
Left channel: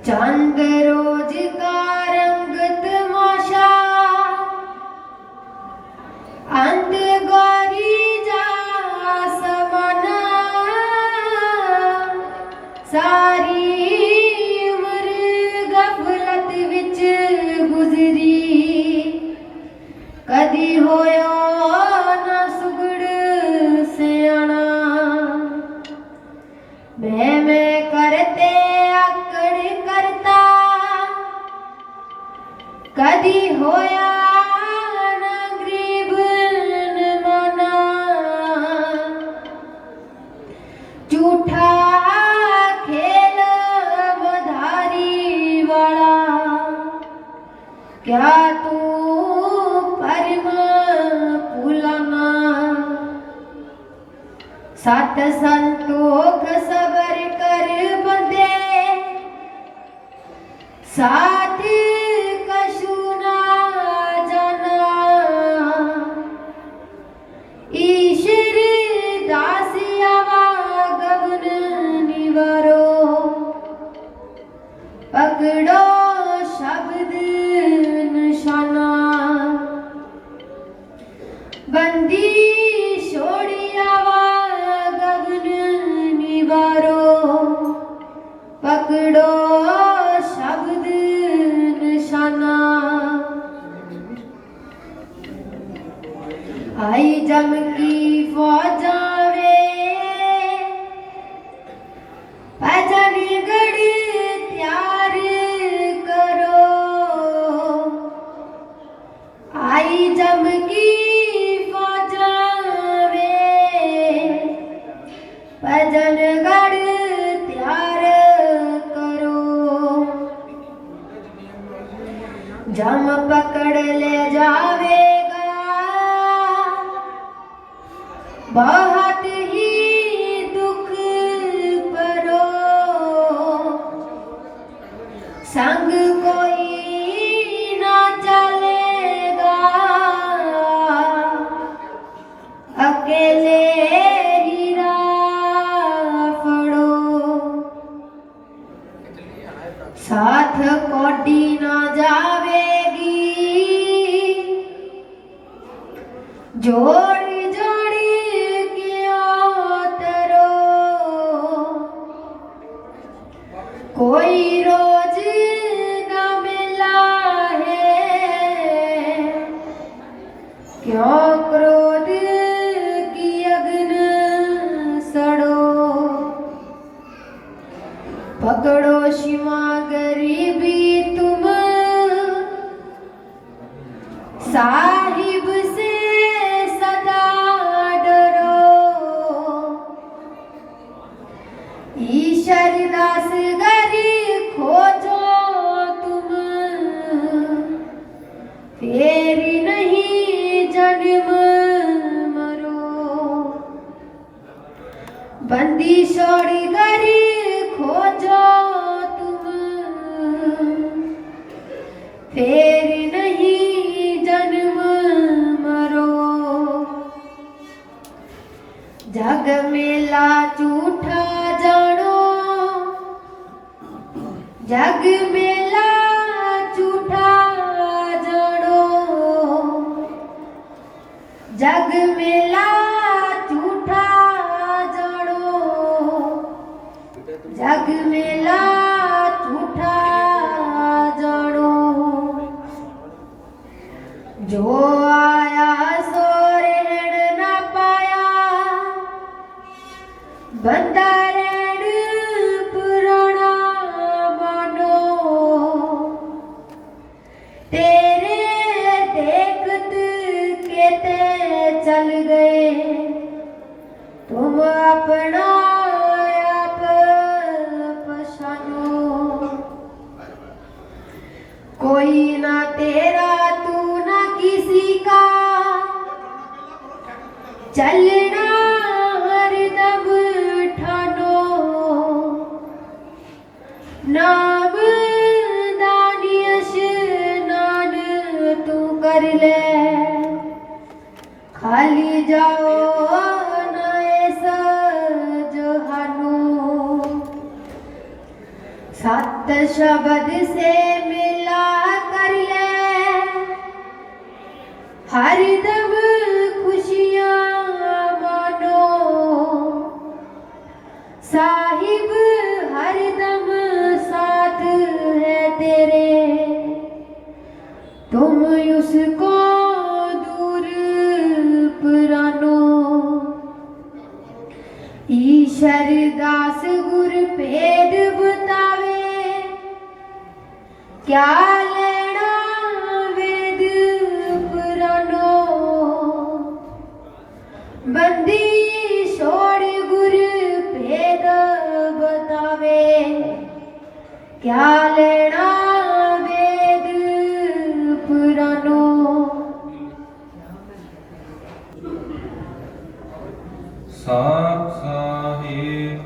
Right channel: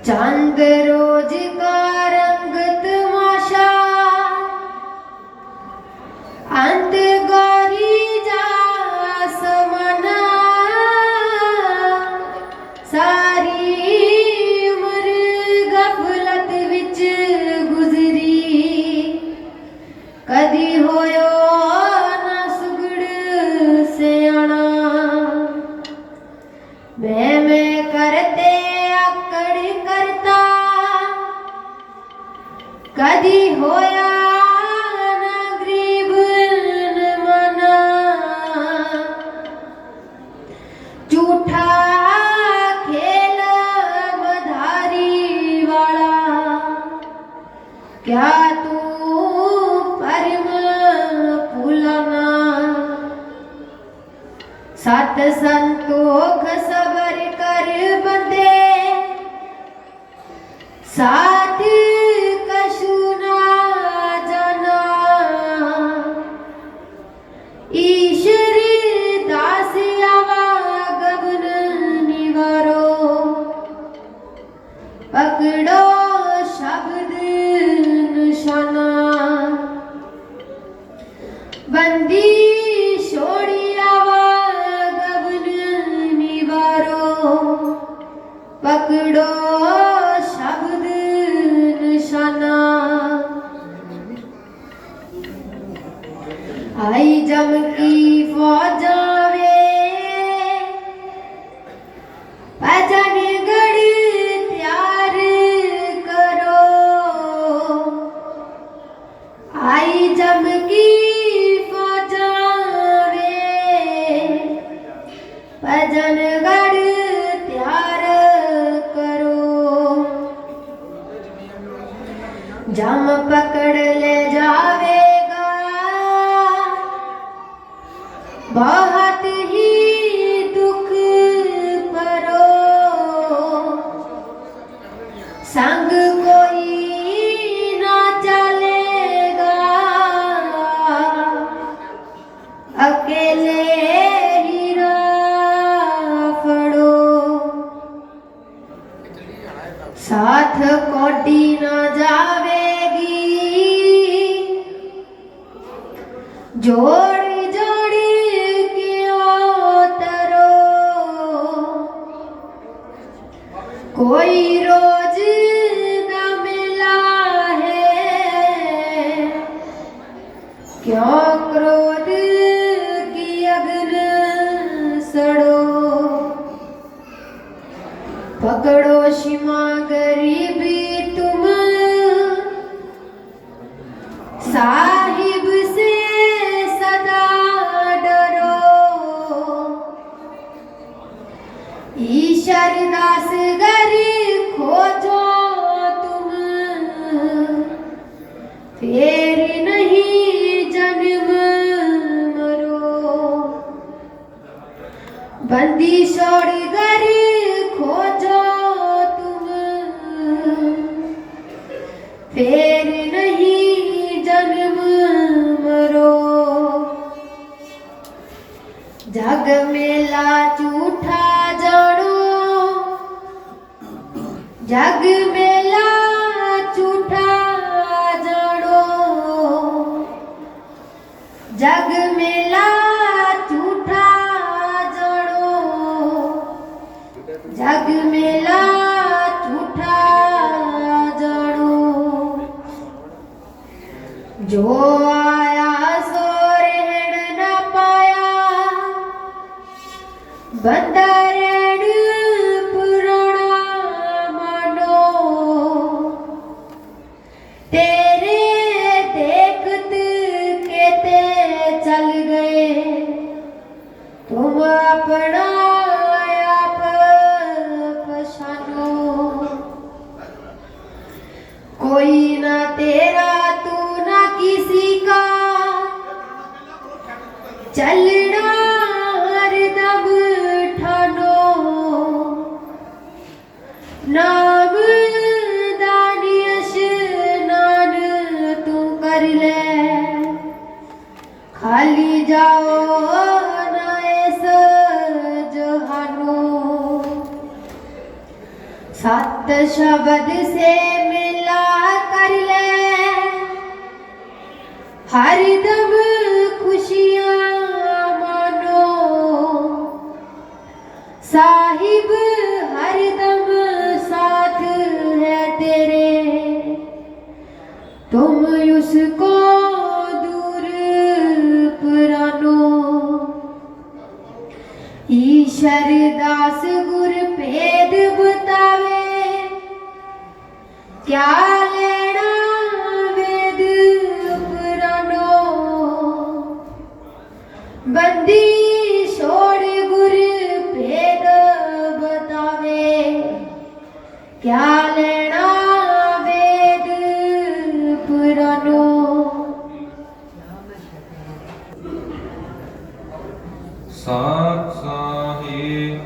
चांद रोज का रंग तमाशा अंत गौरी सारी उम्र गफलत विच गुजरी। कदी होयो ना सुगड़ सियाना। मैं करते आकड़ करता कदी होया ना गरीब न मना। झूठा क्या तू परम भुलाना। सत संतोख सबर कर बंदे साथ कछु ना जाना। ईश्वर दास आवागमन निवारो। पकड़ो शब्द निशाना। बंदी छोड़ी आवागमन निवारो। पकड़ो शब्द निशाना। आई जम की फौजा वे भजन गढ़ तैयार करो। आई जम की फौजा वे भजन गढ़ तैयार करो। जम पकड़ ले जावेगा बहुत ही दुख परो। संग कोई ना चलेगा जोड़ी जोड़ी किया तरो कोई रोज न मिला है क्यों क्रोध की अग्न सड़ो पकड़ो सीमा गरीबी तुम साहिब से सदा डरो ईश्वर दास गरी खोजो तुम फिर नहीं जन्म मरो बंदी छोड़ गरी खोजो तुम फिर नहीं जन्म मरो जग मेला झूठा जानो जग मेला झूठा जानो जग मेला झूठा जानो जग मेला झूठा जानो जो आया सो रहन न पाया बंदा रेण पुराना मानो तेरे देखत कहते चल गए तुम अपना आप पछानो कोई ना तेरा तू ना किसी का चलना हरदम ठानो नाम दानिश नान तू कर ले खाली जाओ ना ऐसा जहानो सत शब्द से मिला कर ले हरदम खुशियां मानो साहिब हरदम साथ है तेरे तुम उसको दूर पुरानो ईश्वर दास गुर भेद बतावे क्या लेना वेद पुरानो बंदी छोड़ गुर भेद बतावे क्या लेना वेद पुरानो सात साहिब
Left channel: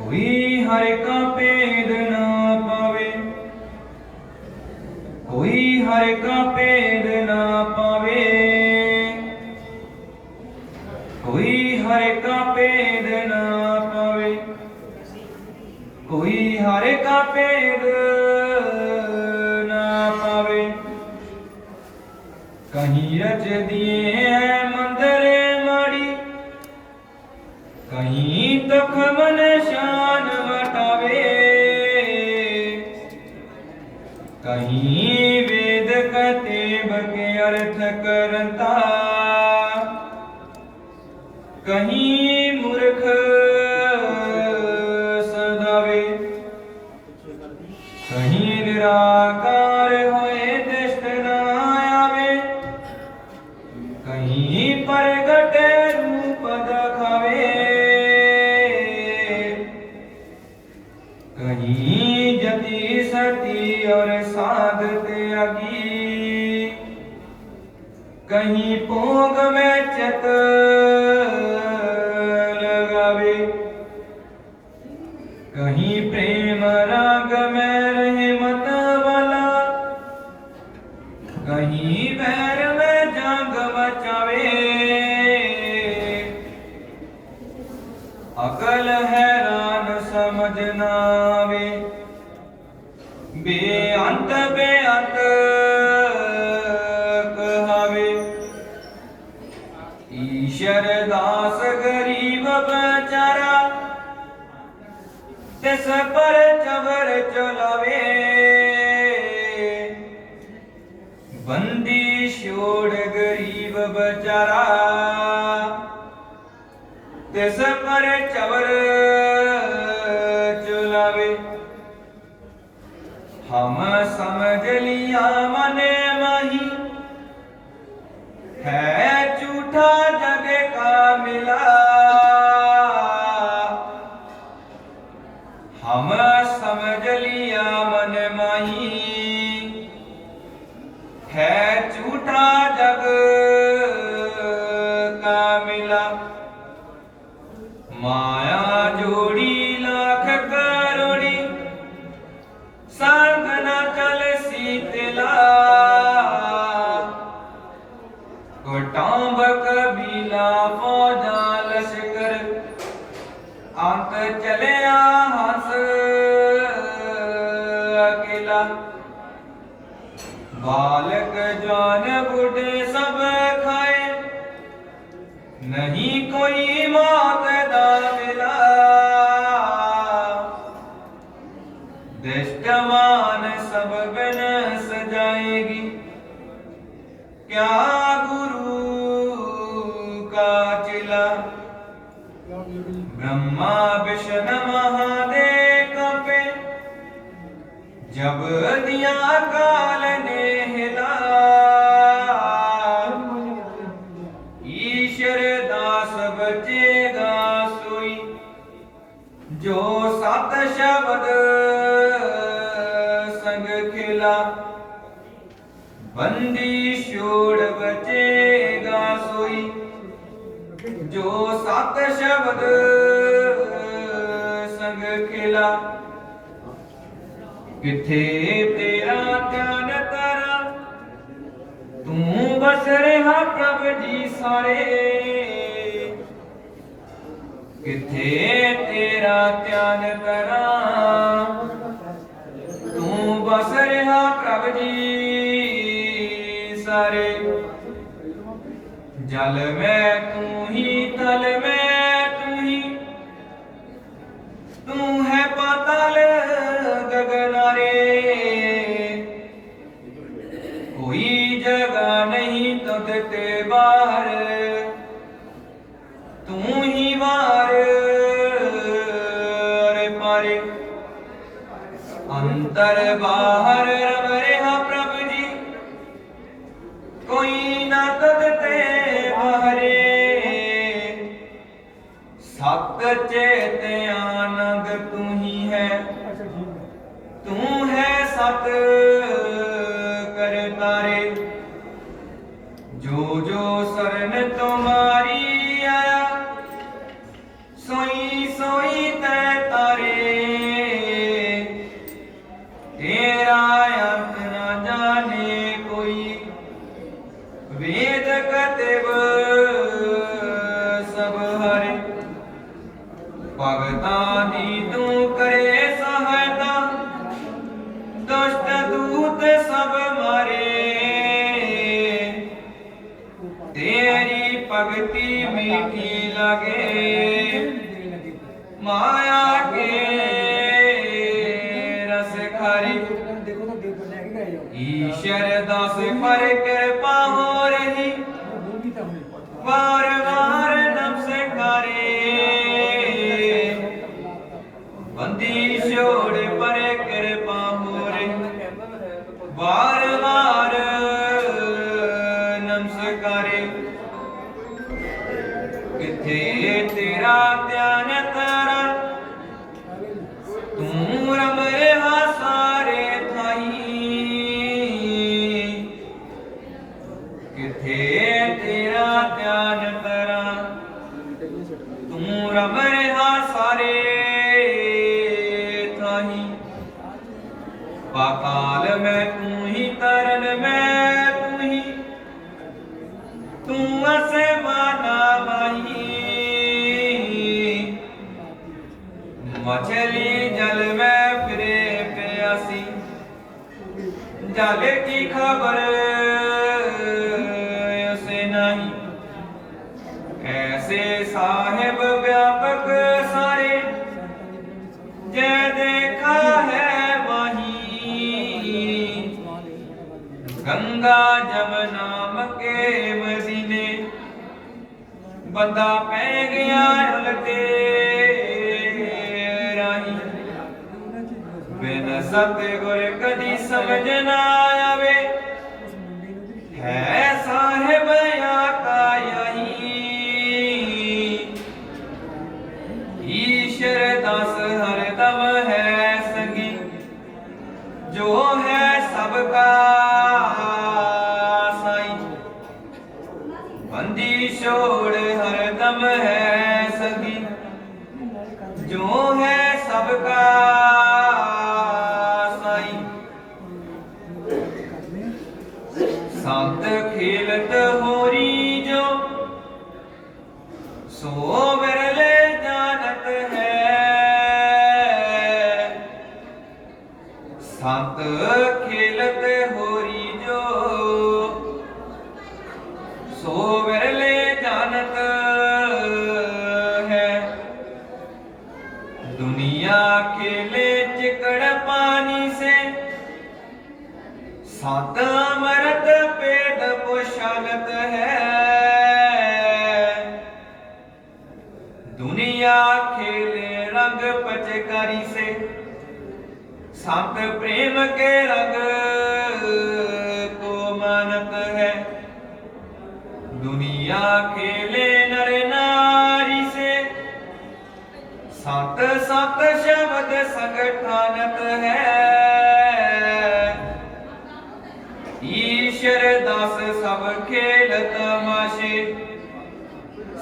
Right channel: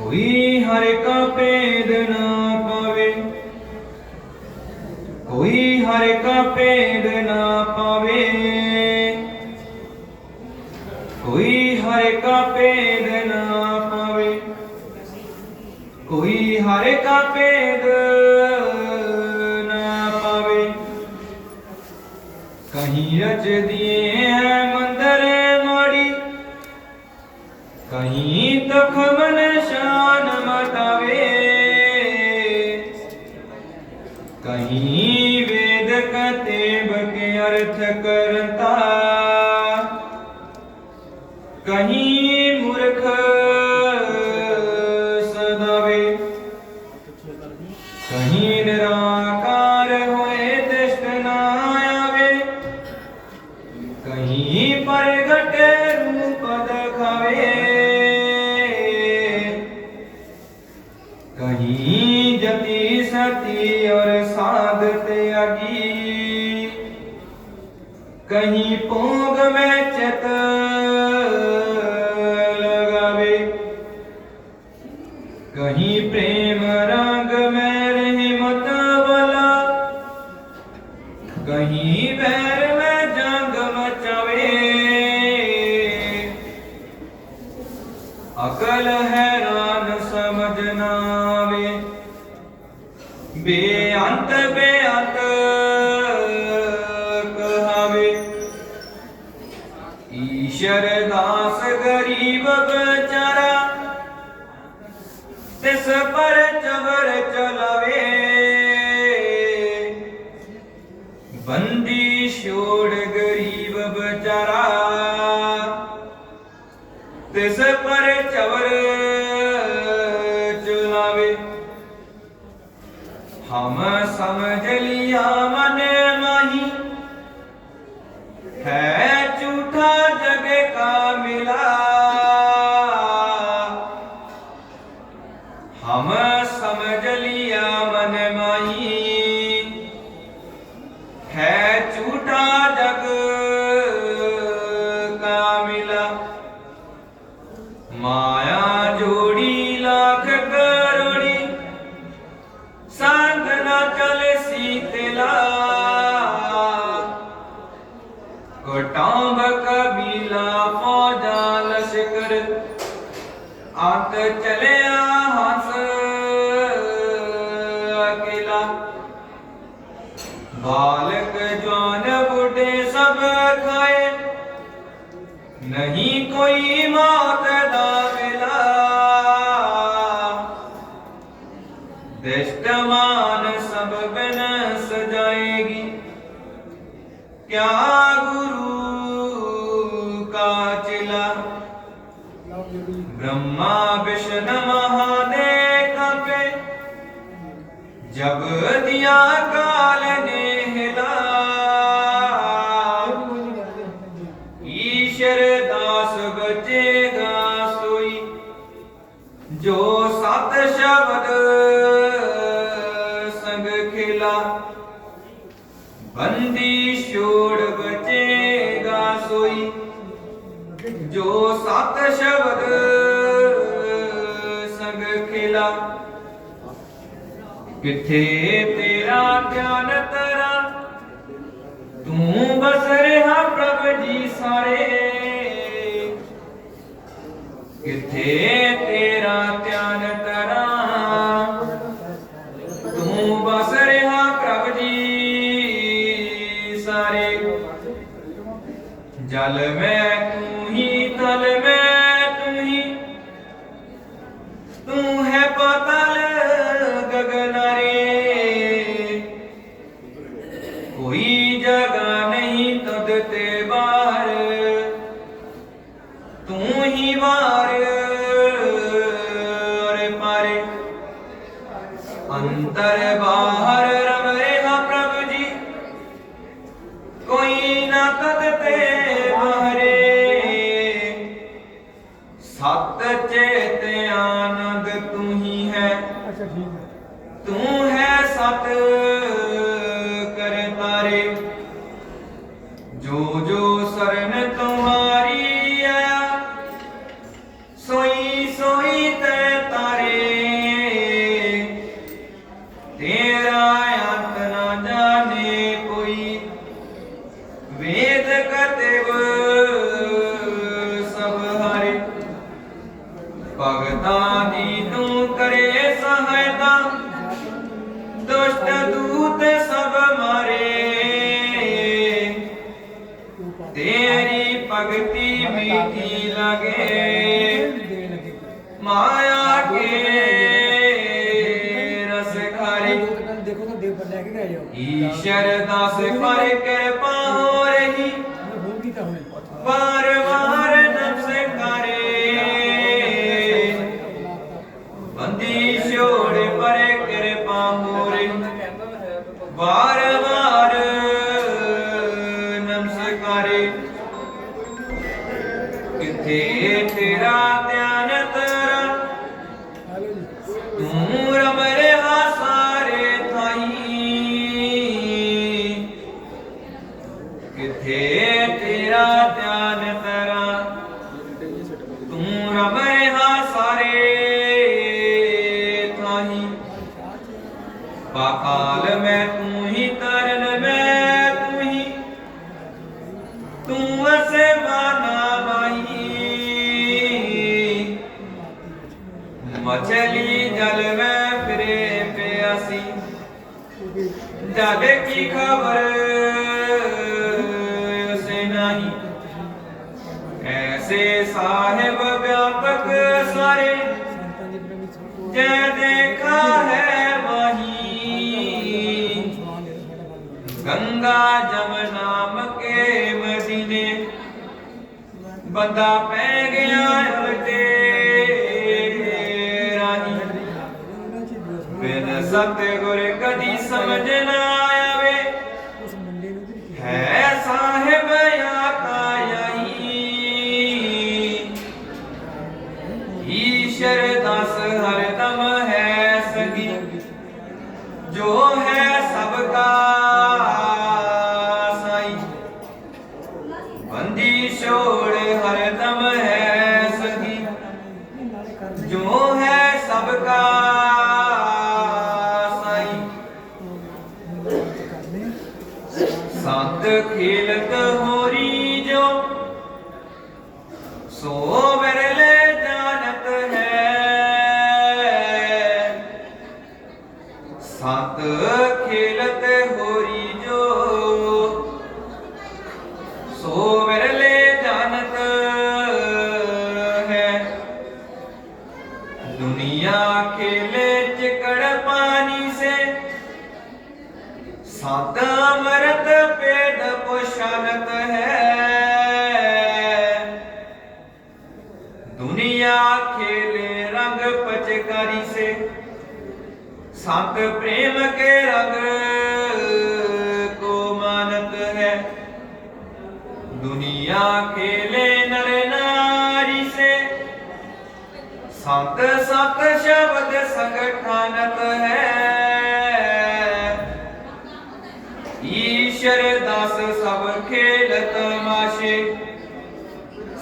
कोई हर का पेद ना पावे कोई हर का पेद ना पावे कोई हर का पेद ना पावे कोई हर का पेद ना पावे कहीं रच दिए हैं मंदिर माड़ी कहीं तक मन शान मटावे कहीं वेद कहते बके अर्थ करता कहीं मूर्ख सदावे कहीं निराकार होए दृष्ट ना आवे कहीं प्रगट रूप दखावे कहीं जति सती और साधत अगी कहीं पोग में चत लगावे कहीं प्रेम राग में रहे मत वाला कहीं बैर में जंग मचावे अकल हैरान समझ ना आवे बेअंत तिस पर चबर चलावे, बंदी छोड़ गरीब बेचारा, तिस पर चबर चलावे। हम समझ लिया मन माही, है झूठा जग का मिला। हम समझ लिया मन माही, है झूठा जग का मिला। माया जोड़ी लाख करोड़ी, संग न चले शीतला। कोटांब कबीला फौजा लश्कर, आंत चले हंस अकेला। बालक जवान बूढ़े सब खाए, नहीं कोई मौत दा मिला। दृष्टमान सब बिन सजाएगी, क्या गुरु का चिला। ब्रह्मा विष्णु महादेव कंपे, जब दिया काल ने हिला। ईश्वर दास बचेगा सोई, जो सत शब्द संग खिला। बंदी छोड़ बचेगा सोई, जो सत शब्द संग खिला। किथे तेरा ध्यान तरा, तू बस रहा प्रभु जी सारे। किथे तेरा ध्यान तरा, तू बस रहा प्रभु जी सारे। जल में तू ही, तल में तू ही, तू है पाताल गगनारे। कोई जगह नहीं तुझ ते बाहर, तू ही मार पारे। अंतर बाहर रम रेहा प्रभु जी, कोई ना तुझ ते बाहरे। सत चेत आनंद तू ही है, तू है सत कर तारे। जो जो शरण तुम्हारी आया, सोई सोई तै तारे। तेरा अंत न जाने कोई, वेद कतिब सब हरे। भगतां दी तू करे सहायता, दुष्ट दूत सब मारे। तेरी भक्ति मीठी लगे, माया के रस खारे। ईश्वर दास पर कृपा हो रही, बार बार नमस्कारे। बंदी छोड़ पर कृपा हो रही, बार बार नमस्कारे। किथे तेरा ध्यान तरा, तू रम रेहा सारे थाई। किथे तेरा ध्यान तरा, तू रम रेहा सारे थाई। पाताल में तू ही, तरन में तू ही, तू ऐसे माना माही। मछली जल में फिरे प्यासी, जल की खबर से नहीं। ऐसे साहेब व्यापक सारे, जय देखा है वहीं गंगा जमुना मके मदीने बंदा पै गया अलगे राही बिन सतगुर कदी समझ ना आवे है साहिब आका यहीं ईश्वर दास हरदम है सगी जो है सबका साई बंदी छोड़ हरदम है सगी जो है सबका साई संत खेलत होरी जो सो विरले जानत है संत खेलत होरी जो सो विरले जानत है दुनिया खेले चिकड़ पानी से संत अमृत पेट पोषणत है दुनिया खेले रंग पचकारी से संत प्रेम के रंग को मानत है दुनिया खेले नर नारी से संत सत शब्द संगठानत है ईश्वर दास सब खेल तमाशे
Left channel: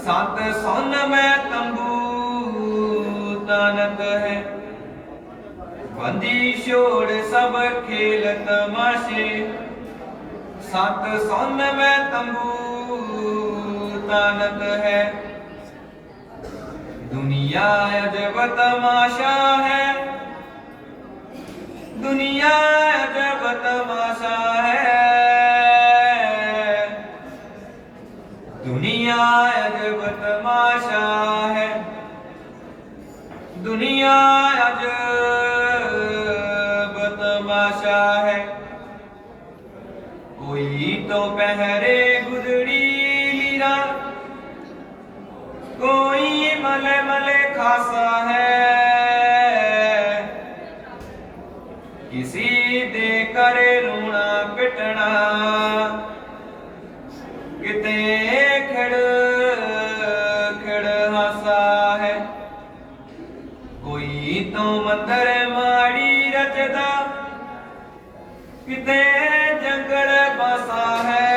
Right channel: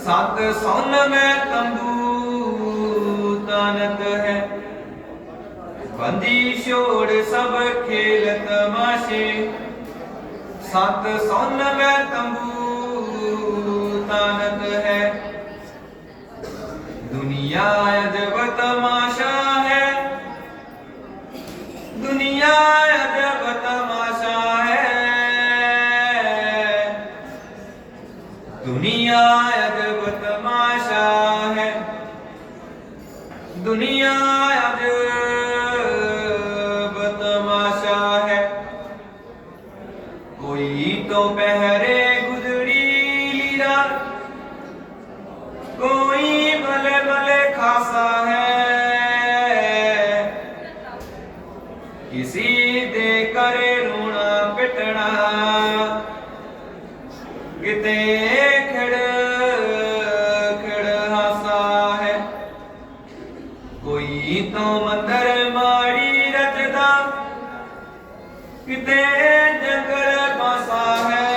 संत सोन में तंबू तानत है बंदी छोड़ सब खेल तमाशे संत सोन में तंबू तानत है दुनिया अजब तमाशा है दुनिया अजब तमाशा है दुनिया अजब तमाशा है दुनिया अजब तमाशा है कोई तो पहरे गुजरी लीला कोई भले भले खासा है किसी दे करे रोना पिटना किते खड़ खड़ हासा है कोई तो मंदर माड़ी रचदा किते जंगल बसा है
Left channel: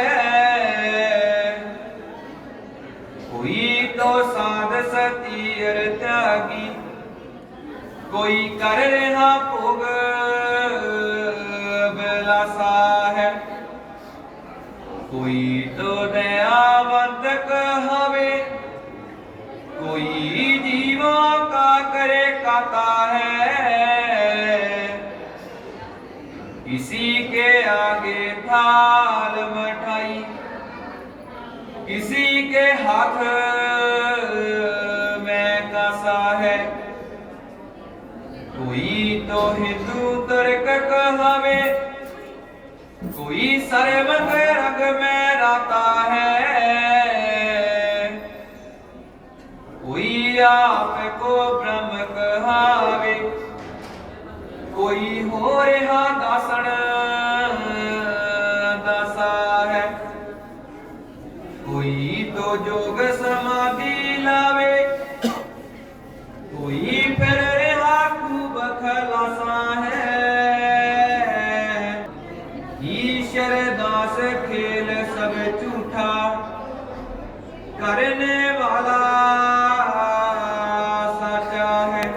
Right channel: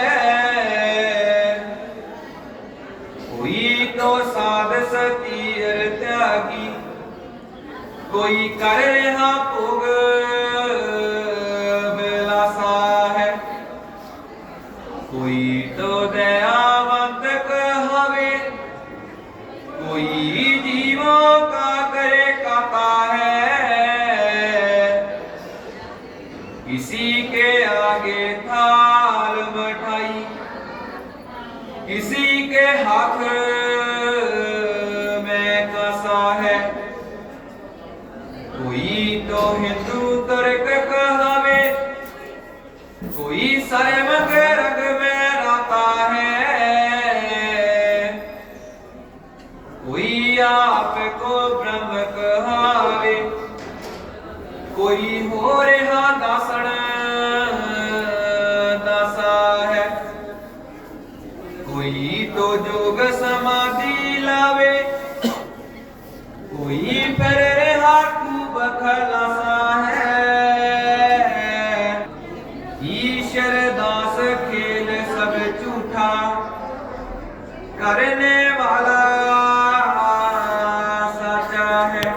कोई तो साध सतीर त्यागी कोई कर रहा भोग बिलासा है कोई तो दयावंत कहावे कोई जीवों का करे काता है किसी के आगे थाल मिठाई किसी के हाथ में कासा है कोई तो हिंदू तुर्क कहावे कोई सर्वंग रंग में राता है कोई आप को ब्रह्म कहावे कोई हो रहा दासण दासा है कोई तो जोग समाधि लावे कोई फिर रहा खूब खलासा है ईश्वर दास खेल सब झूठा करने वाला साचा है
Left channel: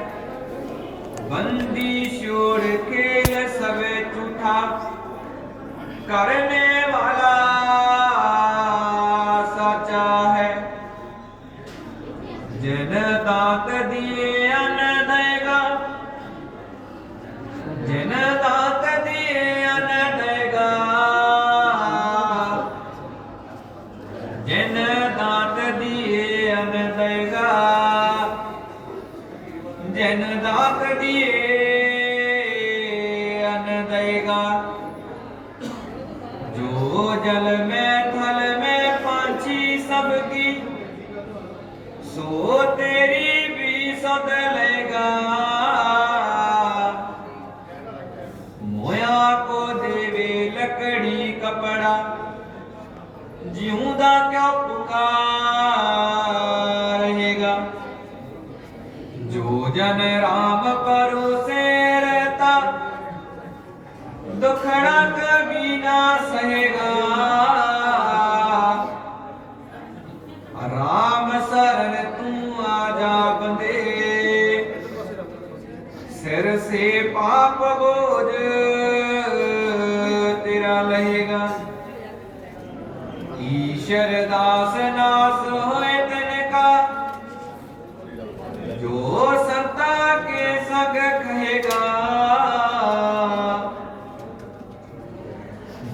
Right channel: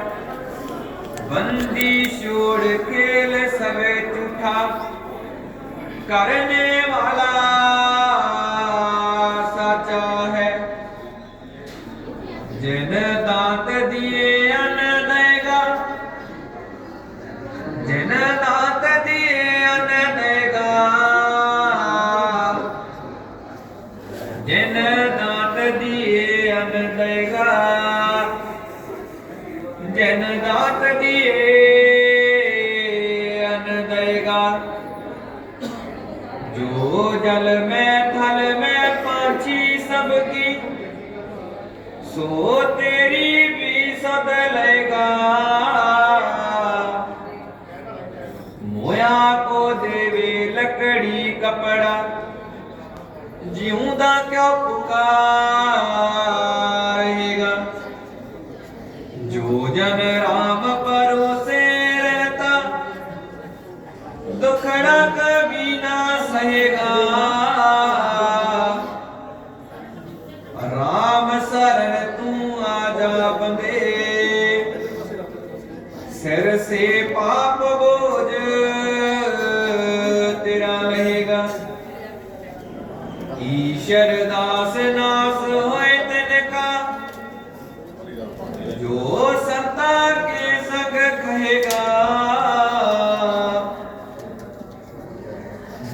बंदी छोड़ खेल सब झूठा करने वाला साचा है जिन दांत दिए अन्न देगा जिन दांत दिए अन्न देगा जिन दांत दिए अन्न देगा जिन दांत दिए लएगा। जो जल में थल में पांची सबकी, सो तेरी भी सद लेगा। मोया को देवे लकड़ी कपड़ा, जिऊंदा क्यों पुकार रहेगा। जो जन राम परोसे रहता, दुखड़ा कभी ना सहेगा। राम शरण तू आजा बंदे, सिर से पाप बोझ तेरा लहेगा। ईश्वर दास नास होए तिनका, जो संता के संग कहेगा।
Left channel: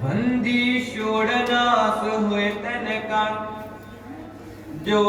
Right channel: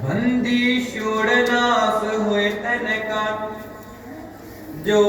बंदी छोड़ नास हुए तिनका, जो